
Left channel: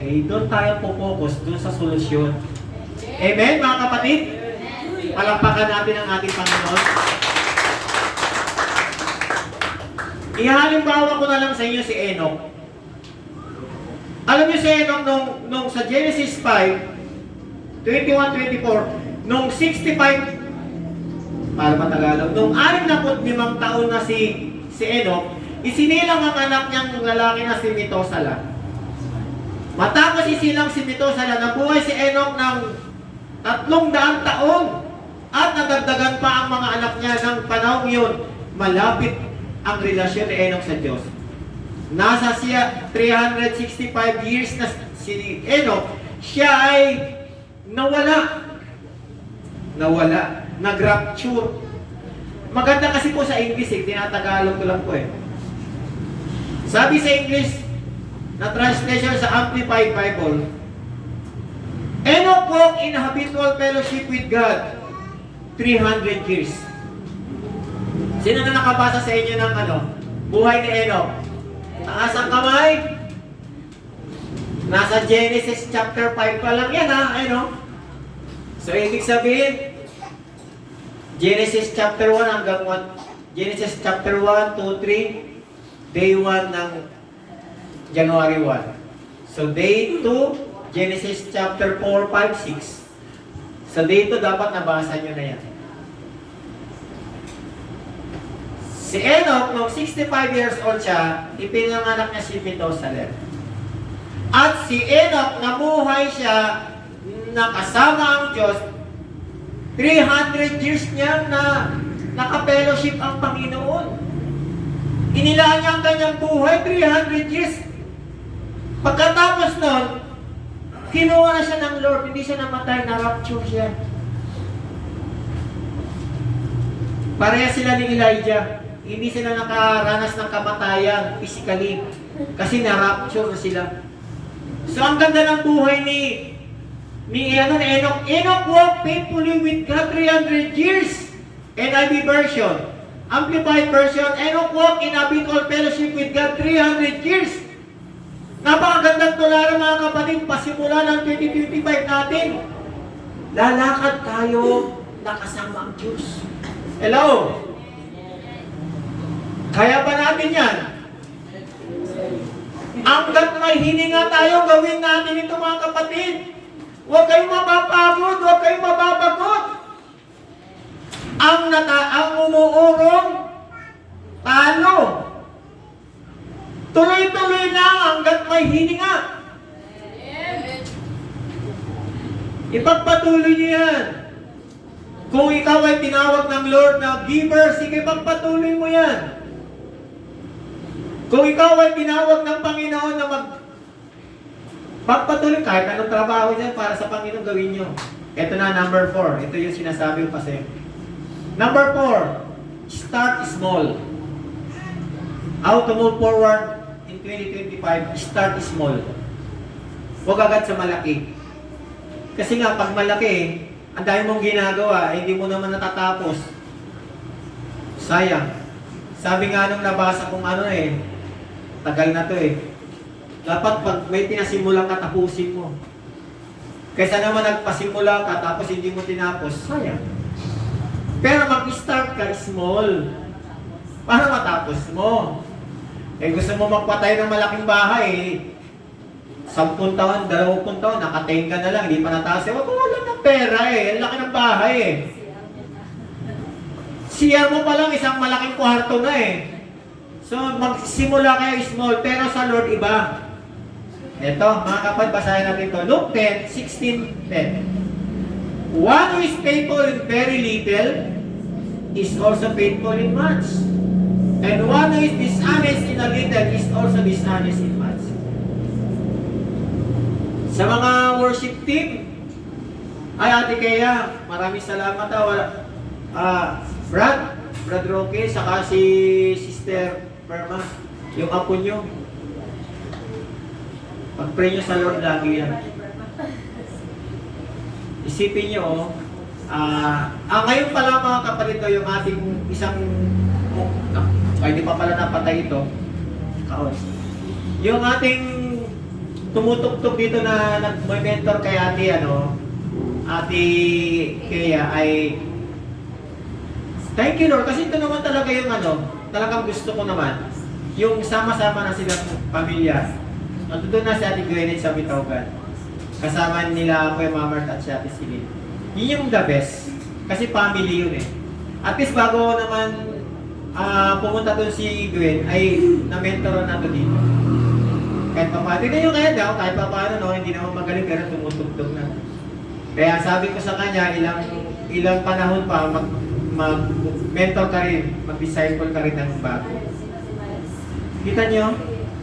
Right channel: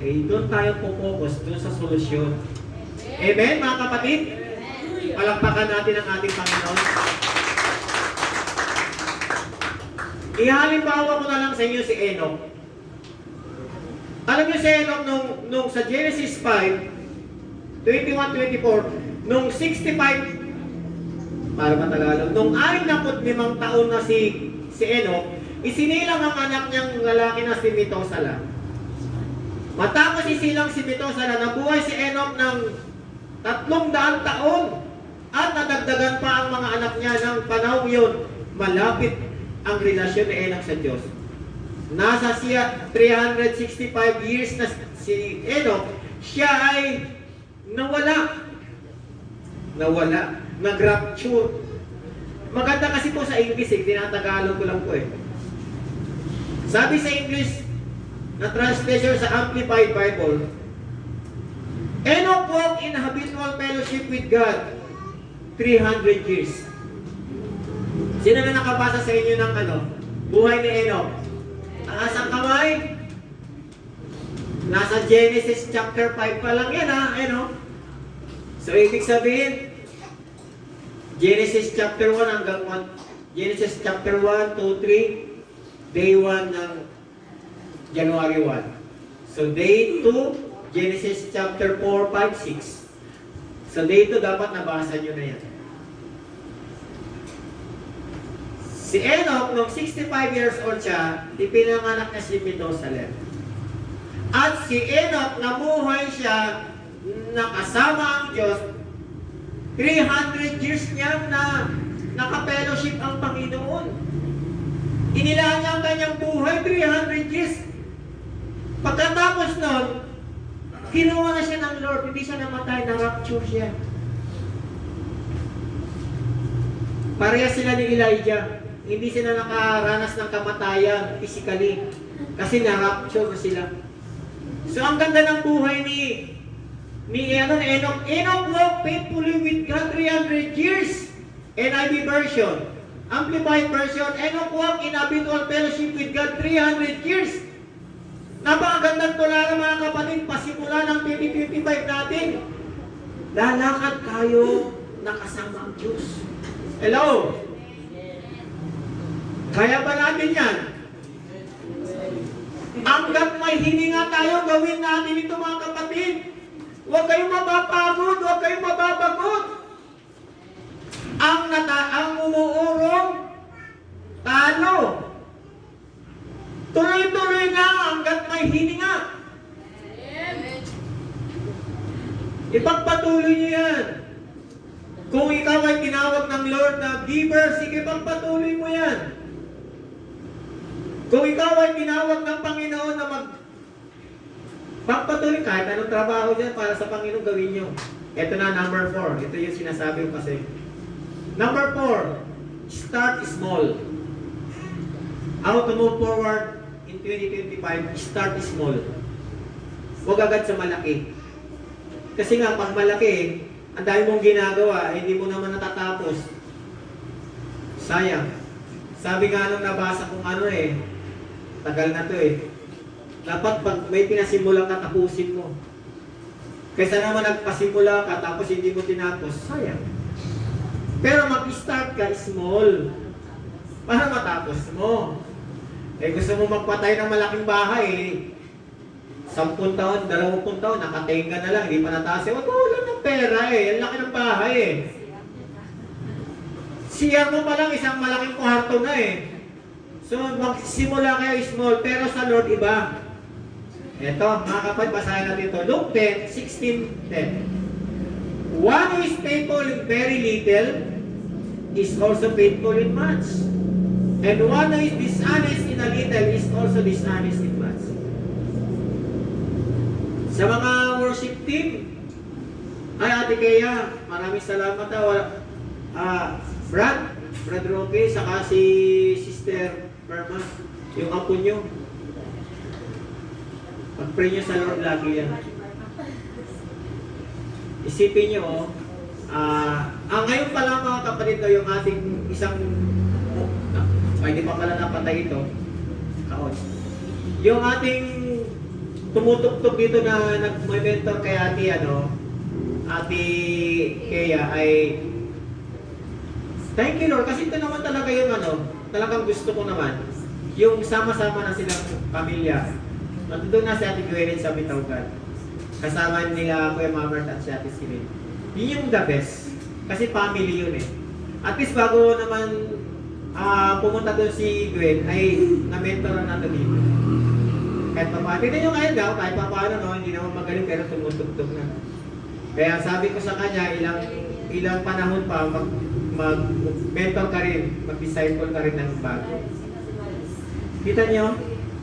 doon tayo po-focus, doon sa solusyon. Amen, mga kapatid? Palakpakan natin ang ating Panginoon. Ihalimbawa ko na lang sa inyo si Enoch. Alam niyo si Enoch nung sa Genesis 5, 21-24, nung 65, para matagalog, nung 65 taon na si Enoch, isinilang ang anak niyang lalaki na si Methuselah. Matapos isilang si Methuselah, nabuhay si Enoch ng 300 taon at nadagdagan pa ang mga anak niya ng panahon yun. Malapit ang relasyon ni Enoch sa Diyos. Nasa siya 365 years na si Enoch, siya ay nawala, nag-rapture. Maganda kasi po sa English, tinatagalog ko lang po eh. Sabi sa English, na translation sa Amplified Bible, Enoch walked in habitual fellowship with God 300 years. Sino na nakabasa sa inyo ng buhay ni Enoch? Taas ang kamay. Nasa Genesis chapter 5 pa lang yan So ibig sabihin, Genesis chapter 1 hanggang 1, Genesis chapter 1, 2, 3, day 1 ng January 1. So day 2, Genesis chapter 4, 5, 6. So day 2 dapat nabasa nyo na yan. Si Enoch, nung 65 years old siya, ipinanganak niya si Methuselah. At si Enoch, namuhay siya, nakasama ang Diyos, 300 years niya na naka-fellowship ang Panginoon. Inilaan niya ang kanyang buhay, 300 years. Pagkatapos nun, kinuha na siya ng Lord, hindi siya namatay, na-rapture siya. Pareha sila ni Elijah. Hindi sila nakaranas ng kamatayan physically kasi na-rapture na sila. So ang ganda ng buhay ni Enoch. Enoch walked faithfully with God 300 years. NIV version. Amplified version, Enoch walked in habitual fellowship with God 300 years. Napakagandang tularan mga kapatid, pasimula ng 2025 natin. Lalakad tayo nakasama ang Diyos. Hello? Kaya ba natin yan? Hanggat may hininga tayo, gawin natin ito mga kapatid. Huwag kayong mapapagod, huwag kayong mababagot. Ang umuurong, talo. Tuloy-tuloy na hanggat may hininga. Ipagpatuloy niyo yan. Kung ikaw ay tinawag ng Lord na giver, sige pagpatuloy mo yan. Kung ikaw ay tinawag ng Panginoon na pagpatuloy kahit anong trabaho dyan para sa Panginoon gawin nyo. Ito na, number 4. Ito yung sinasabi ko kasi. Number 4, start small. How to move forward in 2025, start small. Huwag agad sa malaki. Kasi nga, pag malaki, ang dami mong ginagawa, hindi mo naman natatapos. Sayang. Sabi nga nung nabasa kong tagal na to dapat pag may pinasimulang ka, tapusin mo. Kaysa naman nagpasimula ka, tapos hindi mo tinapos, sayang. Pero mag-start ka small para matapos mo. Eh gusto mo magpatay ng malaking bahay, 10 taon, 20 taon, nakatenga na lang, hindi pa nataas. Wag mo wala ng pera eh, ang laki ng bahay eh. CR mo pa lang, isang malaking kwarto na eh. So magsimula kayo small, pero sa Lord iba. Ito, mga kapatid, basahin natin ito. Luke 10:16-10. One who is faithful in very little is also faithful in much. And one who is dishonest in a little is also dishonest in much. Sa mga worship team, ay Ate Kea, maraming salamat Brad Roque, saka si Sister Perma, yung apo nyo. Pag-pray nyo sa Lord lagi yan. Isipin nyo, ngayon pala mga kapatid, yung ating isang, hindi pa pala napatay ito, kaos. Yung ating tumutugtog dito na nag-mentor kay Ate Kea ay, thank you Lord, kasi ito naman talaga yung talagang gusto ko naman, yung sama-sama na silang pamilya. Doon na si Ate Gwyneth sa Bitawgan. Kasama nila Kuya Mamert at si Ate Silin. Yun yung the best. Kasi family yun eh. At least bago naman pumunta doon si Gwen, ay na-mentoran nato dito. Kahit pa paano. Tignan nyo kaya daw, kahit pa paano, hindi naman magaling pero tumutugtog na. Kaya sabi ko sa kanya, ilang panahon pa, mag-mentor ka rin, mag-disciple ka rin ng bago. Kita nyo?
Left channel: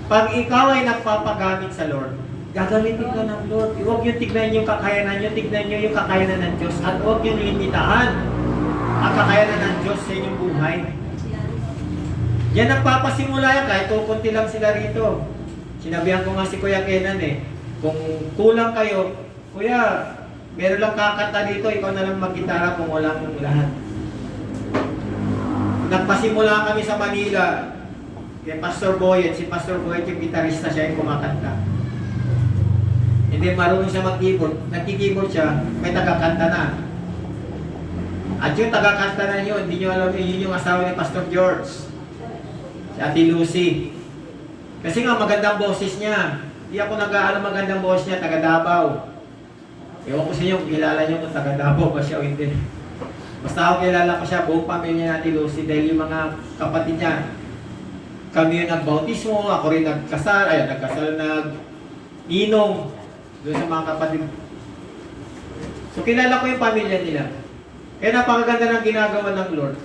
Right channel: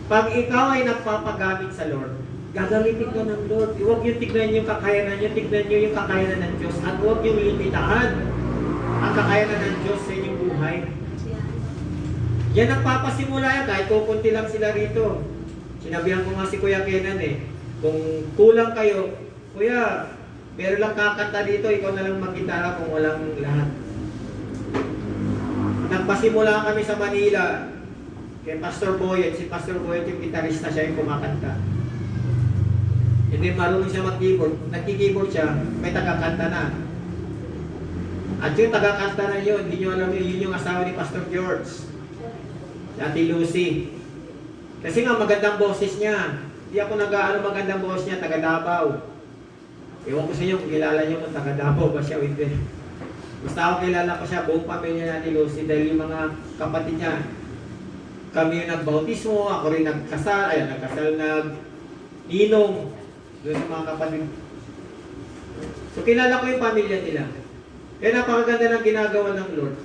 Pag ikaw ay nagpapagamit sa Lord, gagamitin ka ng Lord. Huwag yung tignan yung kakayanan nyo, tignan nyo yung kakayanan ng Diyos. At huwag yung limitahan ang kakayanan ng Diyos sa inyong buhay. Yan nagpapasimula yan, kahit kukunti lang sila rito. Sinabihan ko nga si Kuya Kenan kung kulang kayo, Kuya, meron lang kakanta dito, ikaw na lang mag-gitara kung walang lahat. Nagpasimula kami sa Manila, kay Pastor Boyet, si Pastor Boyet yung gitarista, siya yung kumakanta. Hindi marunong siya mag-keyboard, nagki-keyboard siya, may tagakanta na. At yung tagakanta na yun, hindi nyo alam yun yung asawa ni Pastor George, si Ate Lucy. Kasi nga magandang boses niya. Hindi ako magandang boses niya, taga Davao. Ewan ko sa inyo, kilala niyo kung taga Davao ba siya o hindi. Basta ako kilala ko siya, buong pamilya ni Ate Lucy, dahil yung mga kapatid niya, kami yung nagbautismo, ako rin nagkasal, nag-inom doon sa mga kapatid. So kilala ko yung pamilya nila. Kaya napakaganda ng ginagawa ng Lord.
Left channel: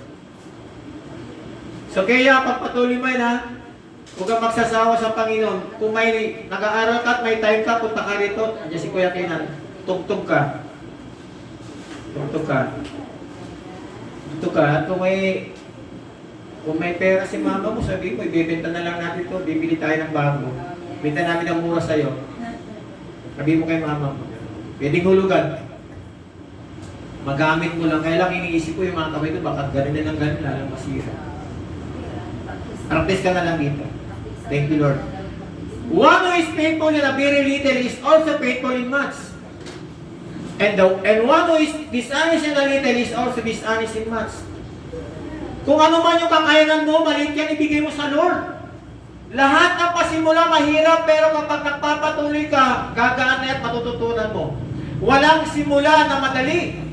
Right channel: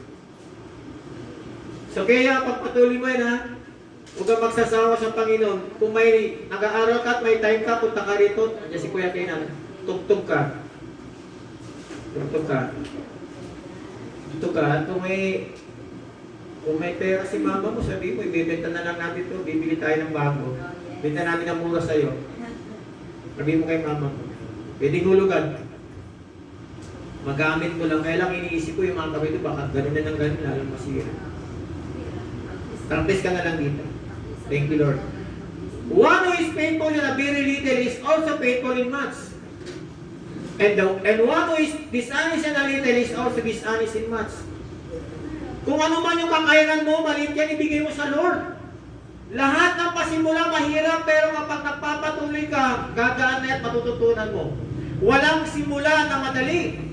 So kaya pagpatuloy mo yan huwag kang magsasawa sa Panginoon. Kung may nag-aaral ka at may time ka, punta ka rito. Andiyan si Kuya Kenan, tugtog ka. Tugtog ka. Tugtog ka. At kung may pera si mama mo, sabi mo, ibibenta na lang natin ito, bibili tayo ng bago. Benta namin ng mura sa'yo. Sabi mo kay mama mo, pwedeng hulugan. Magamit mo lang. Kaya lang iniisip ko yung mga kamay ito, baka ganun na ng ganun, lalang masira. Practice ka na lang dito. Thank you, Lord. One who is faithful in a very little is also faithful in much. And one who is dishonest in a little is also dishonest in much. Kung ano man yung kakayanan mo, maliit yan, ibigay mo sa Lord. Lahat ng pasimula mahirap, pero kapag nagpapatuloy ka, gagaan na at matututunan mo. Walang simula na madali.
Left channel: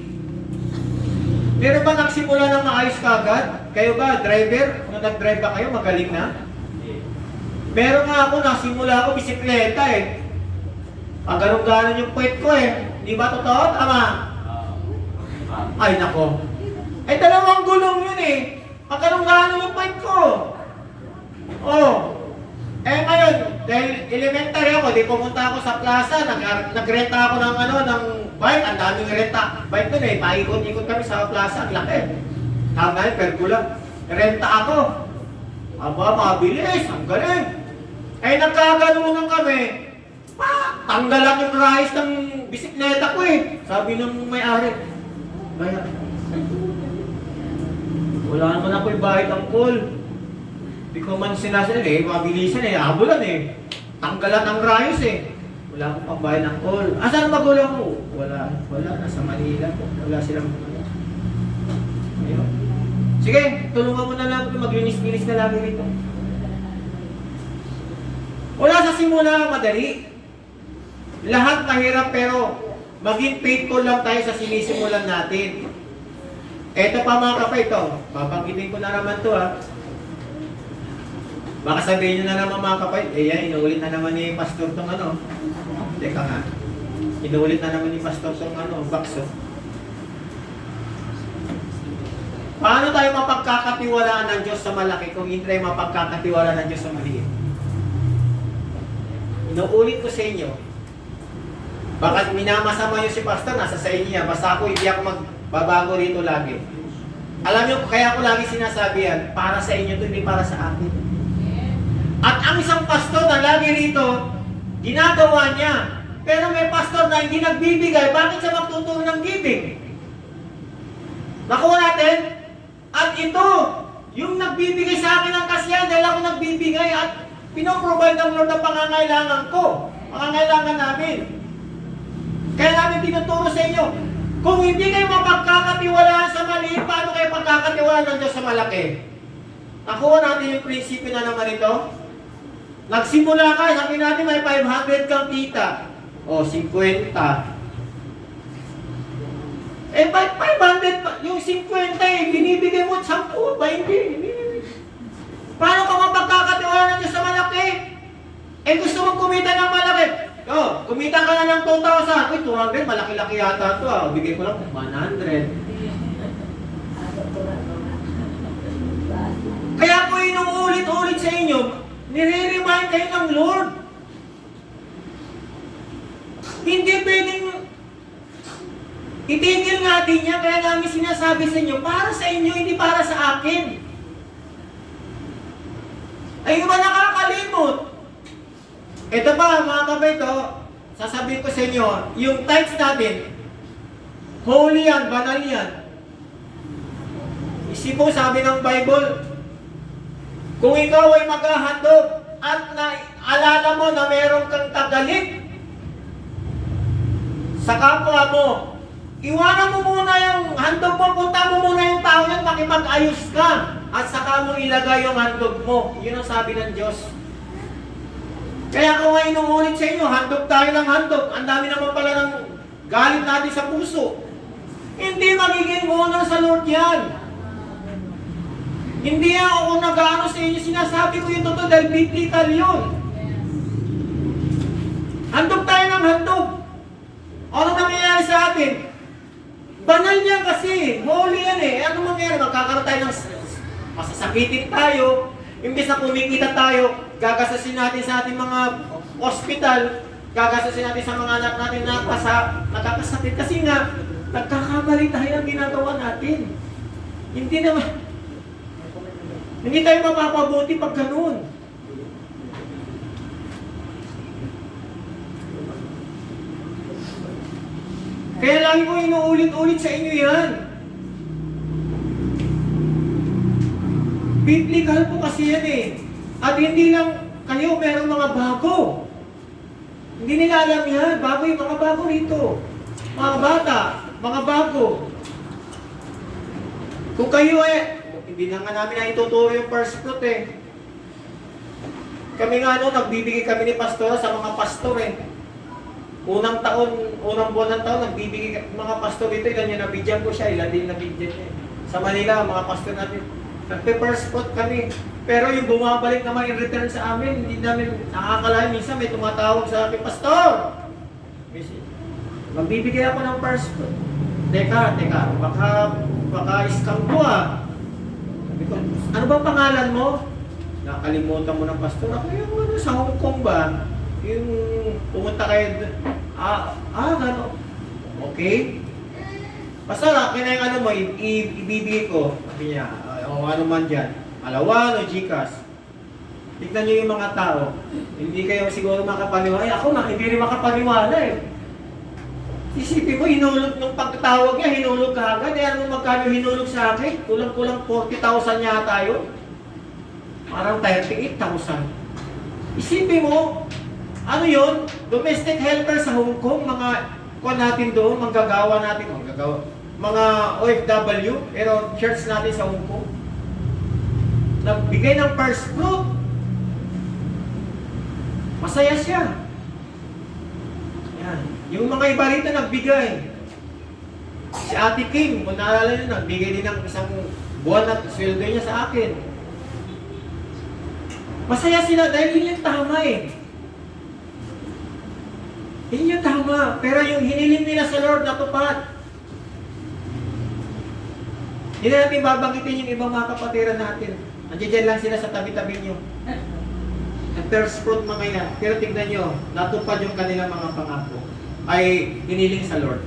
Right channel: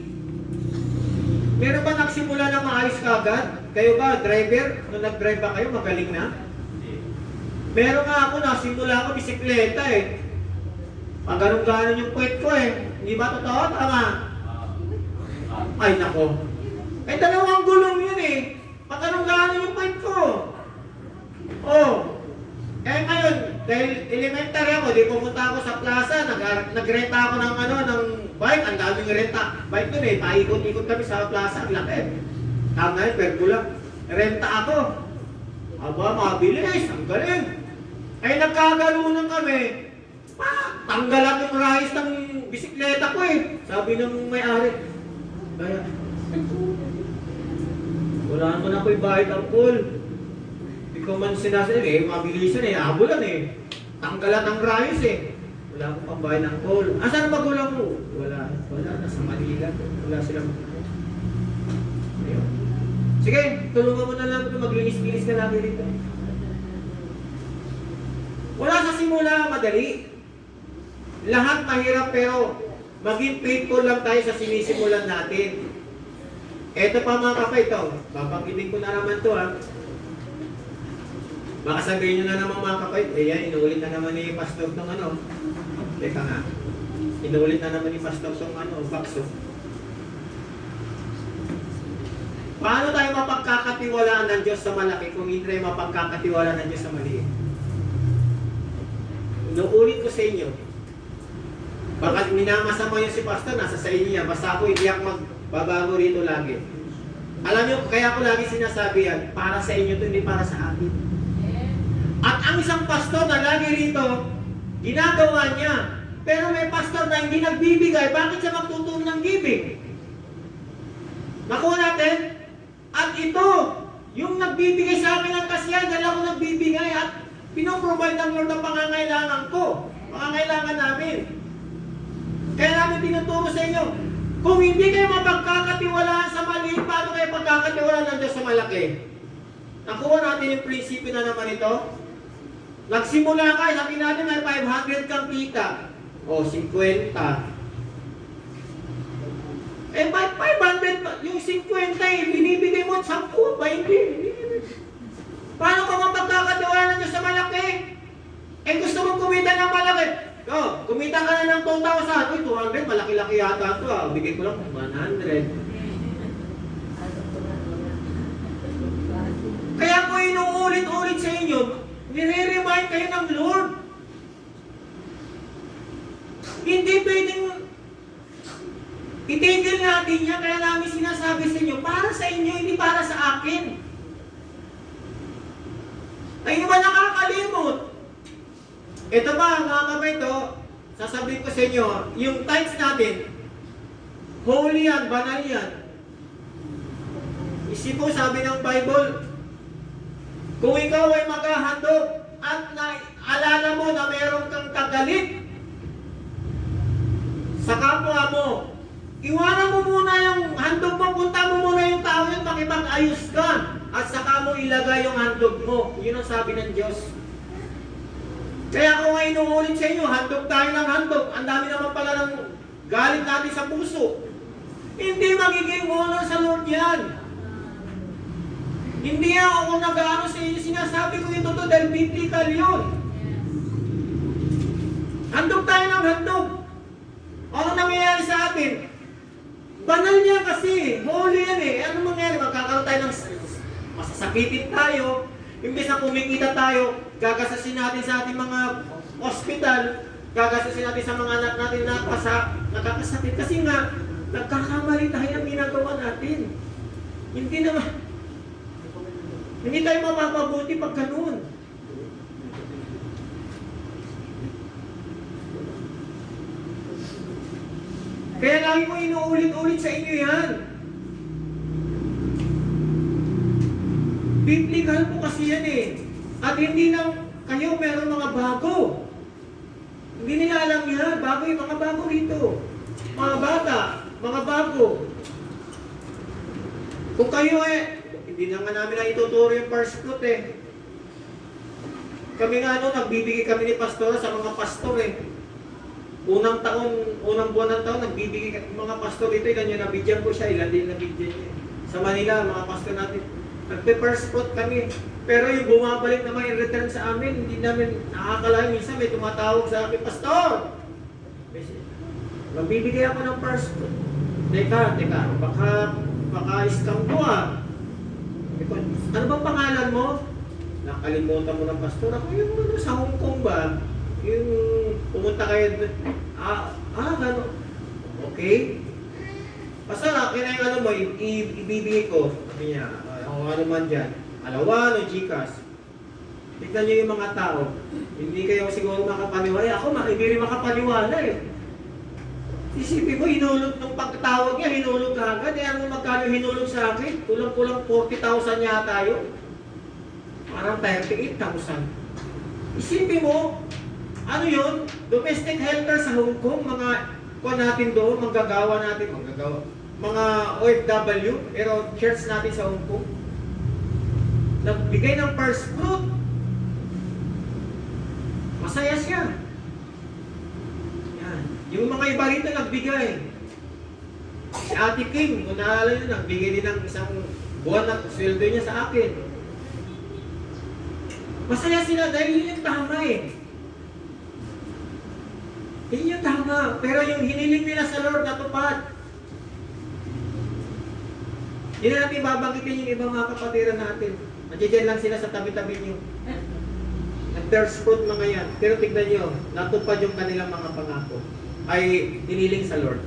Meron ba nagsimula na maayos ka agad? Kayo ba, driver? Nung nag-drive ba kayo, magaling na? Meron nga ako, nasimula ako bisikleta Pag ganun-ganon yung puwet ko Hindi ba totoo? Tama? Ay, nako. Ay, 2 gulong yun Pag ganun-ganon yung puwet ko. Ngayon, dahil elementary ako, di pumunta ako sa plaza, nagrenta ako ng bike, ang daming renta. Bike doon paikot-ikot kami sa plaza, ang laki. Tama yun, pergula. Renta ako. Aba, mabilis, ang galing. Nagkaganunan kami. Tanggalan yung rahis ng bisikleta ko Sabi nung may-ari. Kaya, wala naman ako yung bayad ang call. Hindi ko man sinasabi, mabilisan abulan Tanggalan ng rayos Wala akong pambayad ng call. Saan magulang ko? Wala, nasa Manila. Wala silang Ayun. Sige, tulungan mo na lang ito, maglinis-linis na lagi rito. simula madali. Lahat mahirap pero maging faithful lang tayo sa sinisimulan natin. Eto pa mga kapay, ito. Babanggitin ko na naman to ha. Baka sabihin nyo na naman mga kapay, yan, inuulit na naman ni Pastor tong ano. Teka nga. Inuulit na naman ni Pastor tong ano, bakso. Paano tayo mapagkakatiwalaan ng Diyos sa malaki kung hindi tayo mapagkakatiwalaan ng Diyos sa maliit? Inuulit ko sa inyo. Baka minamasama nyo si Pastor, nasa sa inyo yan. Basta ako, hindi ako magbabago rito lagi. Alam nyo, kaya ako lagi sinasabi yan, para sa inyo ito, hindi para sa atin. At ang isang pastor na lagi rito, ginagawa niya. Pero may pastor na hindi nagbibigay, bakit siya magtuturo ng giving? Nakuha natin? At ito, yung nagbibigay sa akin ng kasiyahan dahil ako nagbibigay at pinoprovide ng Lord ang pangangailangan ko, pangangailangan namin. Kaya namin tinuturo sa inyo, kung hindi kayo mapagkakatiwalaan sa maliit, paano kayo pagkakatiwalaan ng Diyos sa malaki? Nakuha natin yung prinsipyo na naman ito. Nagsimula ka, sabi natin may 500 kang kita. O, 50. Eh, 500, yung 50 eh, binibigay mo 10, 20. Paano ka mapagkakatiwalaan ng Diyos sa malaki? Eh, gusto mong kumita ng malaki. Oh, kumita ka na ng 2,000. Uy, 200, malaki-laki yata ito ah. Bigay ko lang 100. Kaya ko inuulit-ulit sa inyo, nire-remind kayo ng Lord. Hindi pwedeng itigil natin niya, kaya namin sinasabi sa inyo, para sa inyo, hindi para sa akin. Ay, ba nakakalimot? Ito ba, mga kabay to, sasabihin ko sa inyo, yung tithes natin, holy yan, banal yan. Isipong sabi ng Bible, kung ikaw ay maghahandog at naalala mo na meron kang tagalit sa kapwa mo, iwanan mo muna yung handog mo, punta mo muna yung tao yun, makipag-ayos ka at saka mo ilagay yung handog mo. Yun ang sabi ng Diyos. Kaya kung nga inuulit sa inyo, handog tayo ng handog. Ang dami naman pala ng galit natin sa puso. Hindi magiging honor sa Lord yan. Hindi ako nag-ano sa inyo, sinasabi ko yung totoo dahil biblical yun. Handog tayo ng handog. Ano nangyayari sa atin? Banal yan kasi, holy yan eh. Ano mangyayari? Magkakaroon tayo ng masasakitin tayo. Imbes na kumikita tayo, gagasasin natin sa ating mga hospital, gagasasin natin sa mga anak natin na nakakasakit. Kasi nga, nagkakamali tayo ang ginagawa natin. Hindi tayo mapapabuti pag ganun. Kaya lagi ko inuulit-ulit sa inyo yan. Biblical po kasi yan eh. At hindi lang kayo, meron mga bago. Hindi nila alam yan. Bago yung mga bago rito. Mga bata, mga bago. Kung kayo hindi na nga namin na ituturo yung first fruit eh. Kami nga nagbibigay kami ni pastor sa mga pastor eh. Unang buwan ng taon, nagbibigay mga pastor dito, ilan yung nabidyan ko siya, ilan din nabidyan niya. Sa Manila, mga pastor natin, nagpe-first fruit kami. Pero yung bumabalik naman in return sa amin, hindi namin nakakalain. Minsan may tumatawag sa akin, Pastor! Magbibigay ako ng first fruit. Teka, baka scam ko ah. Sabi ko, ano bang pangalan mo? Nakalimutan mo ng pastor. Ako yung sa Hong Kong ba? Yung pumunta kayo doon. Gano'n. Okay. Basta kinaya mo, ibibigay ko. Sabi niya, o ano man dyan. Alawan o Gcash. Tignan nyo yung mga tao. Hindi kayo siguro makapaniwala. Ako, hindi rin makapaniwala eh. Isipin mo, hinulog ng pagkatawag niya, hinulog ka agad. Ano magkano hinulog sa akin? Kulang-kulang 40,000 yata yun. Parang 38,000. Isipin mo, ano yun? Domestic helper sa Hong Kong, mga kuha natin doon, manggagawa natin, mga OFW, pero church natin sa Hong Kong. Nagbigay ng first fruit. Masaya siya. Yan. Yung mga iba rito nagbigay. Si Ate Kim, kung naalala nyo, nagbigay din ng isang buwan na sweldo niya sa akin. Masaya sila dahil yun yung tama eh. Yun yung tama. Pero yung hiniling nila sa Lord natupad. Hindi na natin babanggitin yung ibang mga kapatiran natin. Nandiyan lang sila sa tabi-tabi nyo. First fruit mga yan. Pero tignan nyo, natupad yung kanilang mga pangako. Ay hiniling sa Lord.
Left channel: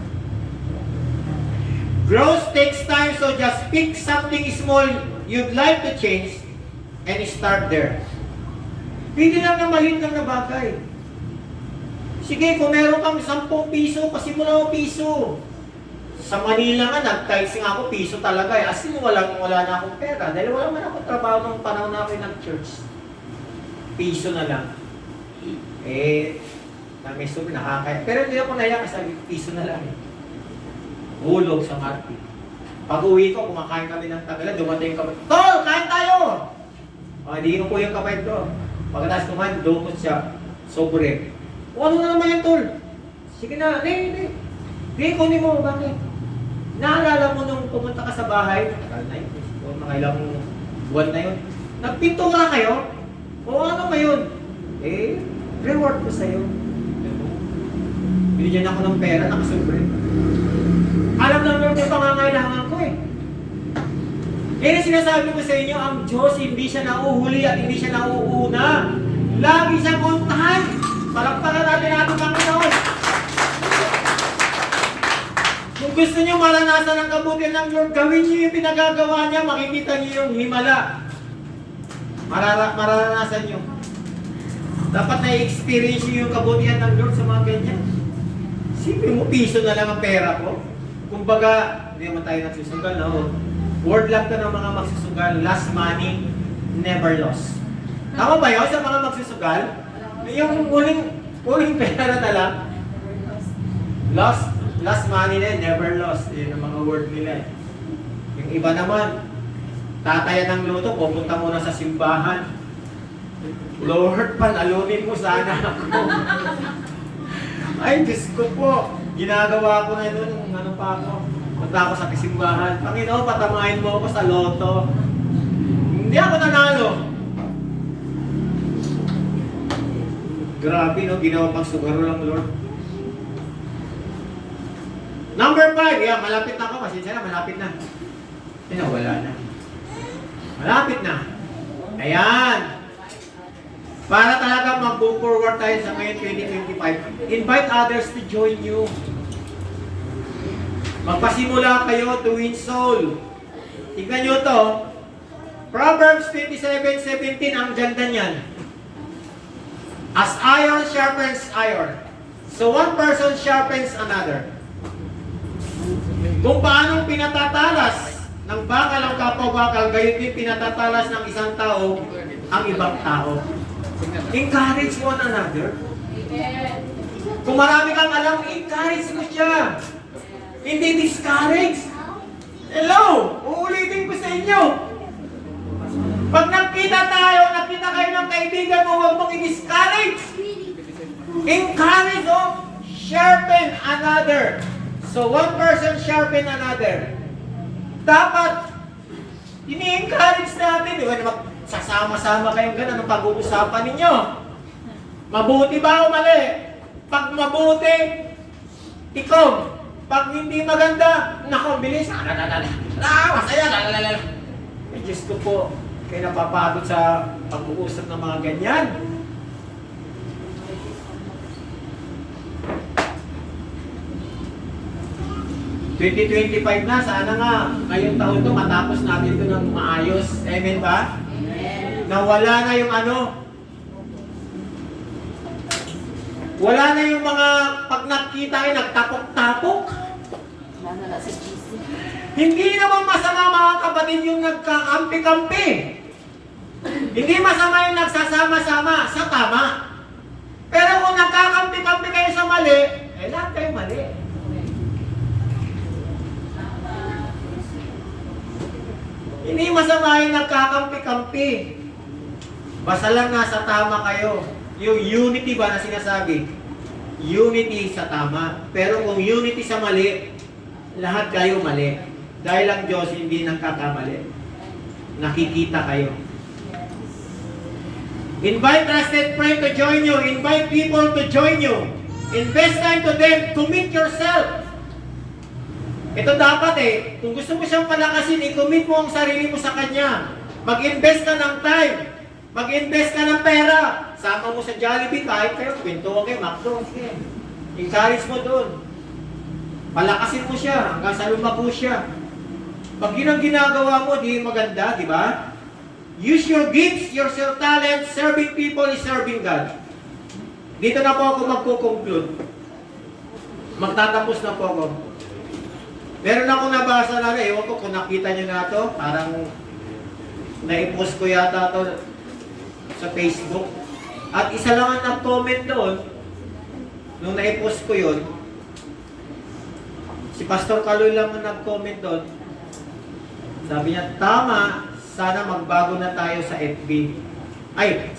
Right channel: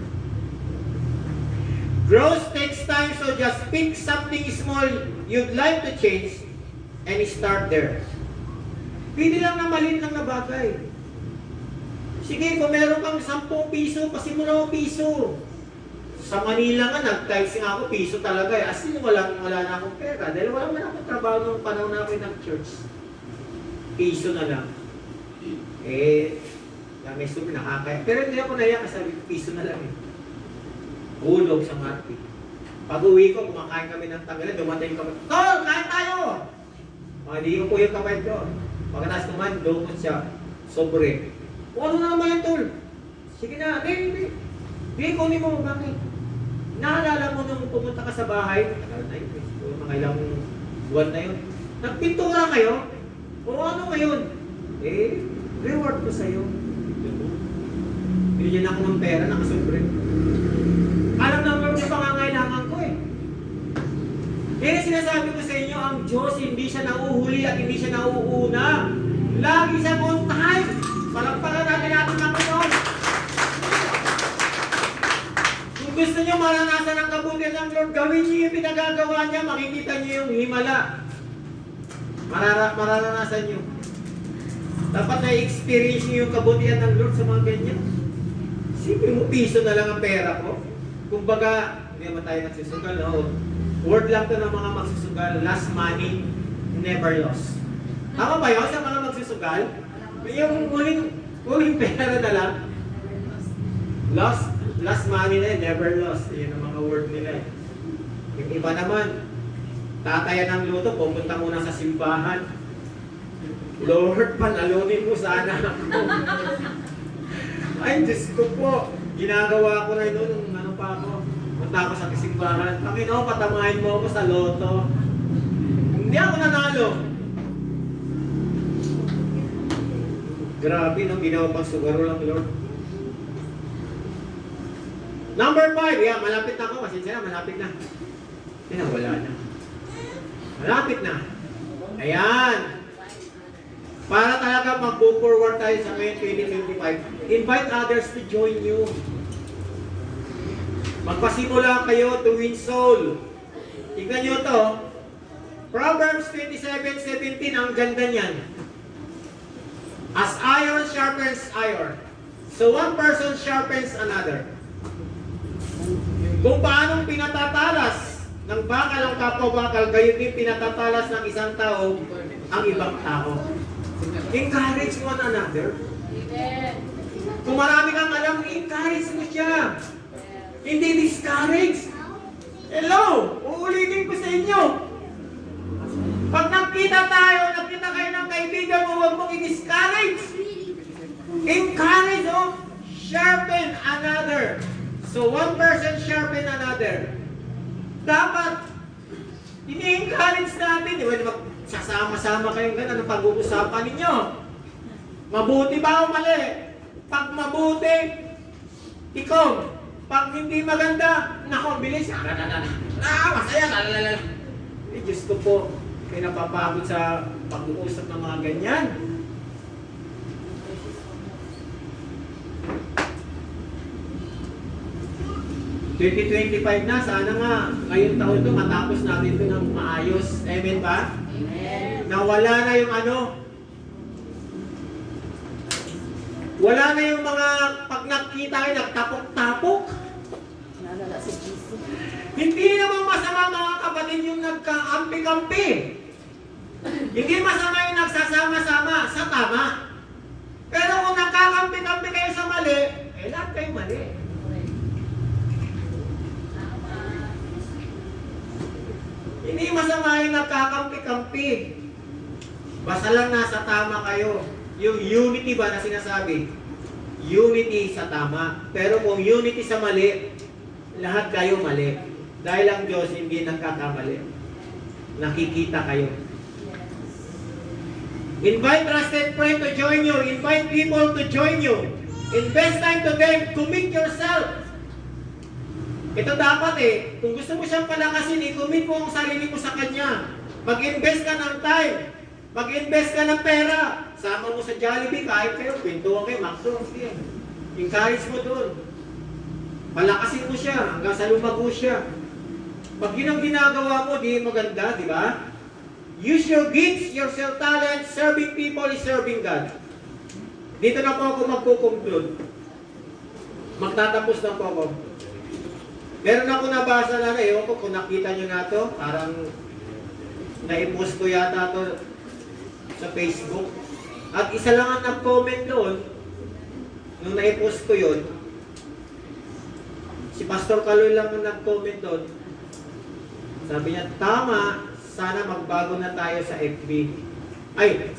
Growth takes time, so just pick something small you'd like to change and start there. Pili lang ng maliit lang na bagay. Sige, kung meron kang 10 piso, pasimula mo piso. Sa Manila nga, nag-tithing ako, piso talaga eh. As in, wala na akong pera. Dahil wala man akong trabaho nung panahon na ako nag-church. Piso na lang. May subi, nakakaya. Pero hindi ako naiyak kasi piso na lang eh. Hulog sa market. Pag uwi ko, kumakain kami ng tagalan, dumating kami, Tol, kain tayo! Hindi ko yung kapatid ko. Pagkatapos kumain, dumot siya. Sobre. O ano na naman yan, Tol? Sige na, hindi. Hindi, kunin mo, bakit? Naalala mo nung pumunta ka sa bahay, mga ilang buwan na yun, nagpintura kayo? O ano ngayon? Reward ko sa'yo. Binigyan ako ng pera, nakasobre. Alam lang naman yung pangangailangan ko eh. Kaya sinasabi ko sa inyo, ang Diyos hindi siya nauhuli at hindi siya nauuna. Lagi siyang on time. Palakpakan natin ating Panginoon. Kung gusto niyo maranasan ang kabutihan ng Lord, gawin niyo yung pinagagawa niya, makikita niyo yung himala. Mararanasan niyo. Dapat na-experience niyo yung kabutihan ng Lord sa mga ganyan. Siyempre mo, piso na lang ang pera ko. Kumbaga, hindi naman tayo nagsusugal, no? Word lang to ng mga magsusugal, last money, never lost. Tama ba yun sa mga magsusugal? Yung huling pera na lang, last money na, never lost. Yun ang mga word nila. Yung iba naman, tatayan ng luto, pupunta muna sa simbahan. Lord, panalunin mo sana ako. Ay, Diyos ko po. Ginagawa ko na doon nung ano pa ako. Punta ako sa simbahan. Panginoon, patamahin mo ako sa loto. Hindi ako nanalo. Grabe, no? Ginawa pang sugaro lang, Lord. Number 5. Yeah, malapit na ako. Masensya na, malapit na. Wala na. Malapit na. Ayan. Para talaga mag-go forward tayo sa ngayon 2025, invite others to join you. Magpasimula kayo to win soul. Tingnan nyo to. Proverbs 27:17, ang ganda niyan. As iron sharpens iron, so one person sharpens another. Kung paanong pinatatalas ng bakal ang kapwa-bakal, gayon din pinatatalas ng isang tao ang ibang tao. Encourage one another. Kung marami kang alam, encourage mo siya. Hindi discourage. Hello! Uulitin ko sa inyo. Pag nakita kayo ng kaibigan mo, huwag mong i-discourage. Encourage, sharpen another. So one person sharpen another. Dapat, ini-encourage natin. Sasama-sama kayong gano'n, anong pag-uusapan ninyo? Mabuti ba o mali? Pag mabuti, ikaw. Pag hindi maganda, nako, bilis. Masaya. Eh, Diyos ko po, kayo napapagod sa pag-uusap ng mga ganyan. ...2025 na, sana nga ngayong taon to matapos natin ito ng maayos. Amen ba? Amen. Nawala na yung wala na yung mga pag nakita kayo, nagtapok-tapok. Hindi naman masama mga kapatid yung nagkakampi-kampi. Hindi masama yung nagsasama-sama sa tama. Pero kung nagkakampi-kampi kayo sa mali, lahat kayo mali. Hindi masama yung nagkakampi-kampi. Basta lang nasa tama kayo. Yung unity ba na sinasabi? Unity sa tama. Pero kung unity sa mali, lahat kayo mali. Dahil ang Diyos hindi nagkakamali. Nakikita kayo. Invite trusted friend to join you. Invite people to join you. Invest time to them. Commit yourself. Ito dapat kung gusto mo siyang palakasin, i-commit mo ang sarili mo sa Kanya. Mag-invest ka ng time. Mag-invest ka ng pera. Sama mo sa Jollibee, kahit kayo, kwentuhan kayo, McDo. Encourage mo doon. Palakasin mo siya hanggang sa lumago siya. Pag yun ang ginagawa mo, di maganda, di ba? Use your gifts, your talents. Serving people is serving God. Dito na po ako magko-conclude. Magtatapos na po ako. Meron ako nabasa na ewan ko kung nakita nyo na to, parang na-post ko yata to sa Facebook. At isa lang ang nag-comment doon, nung na-post ko yun, si Pastor Kaloy lang ang nag-comment doon. Sabi niya, tama, sana magbago na tayo sa FB. Ay,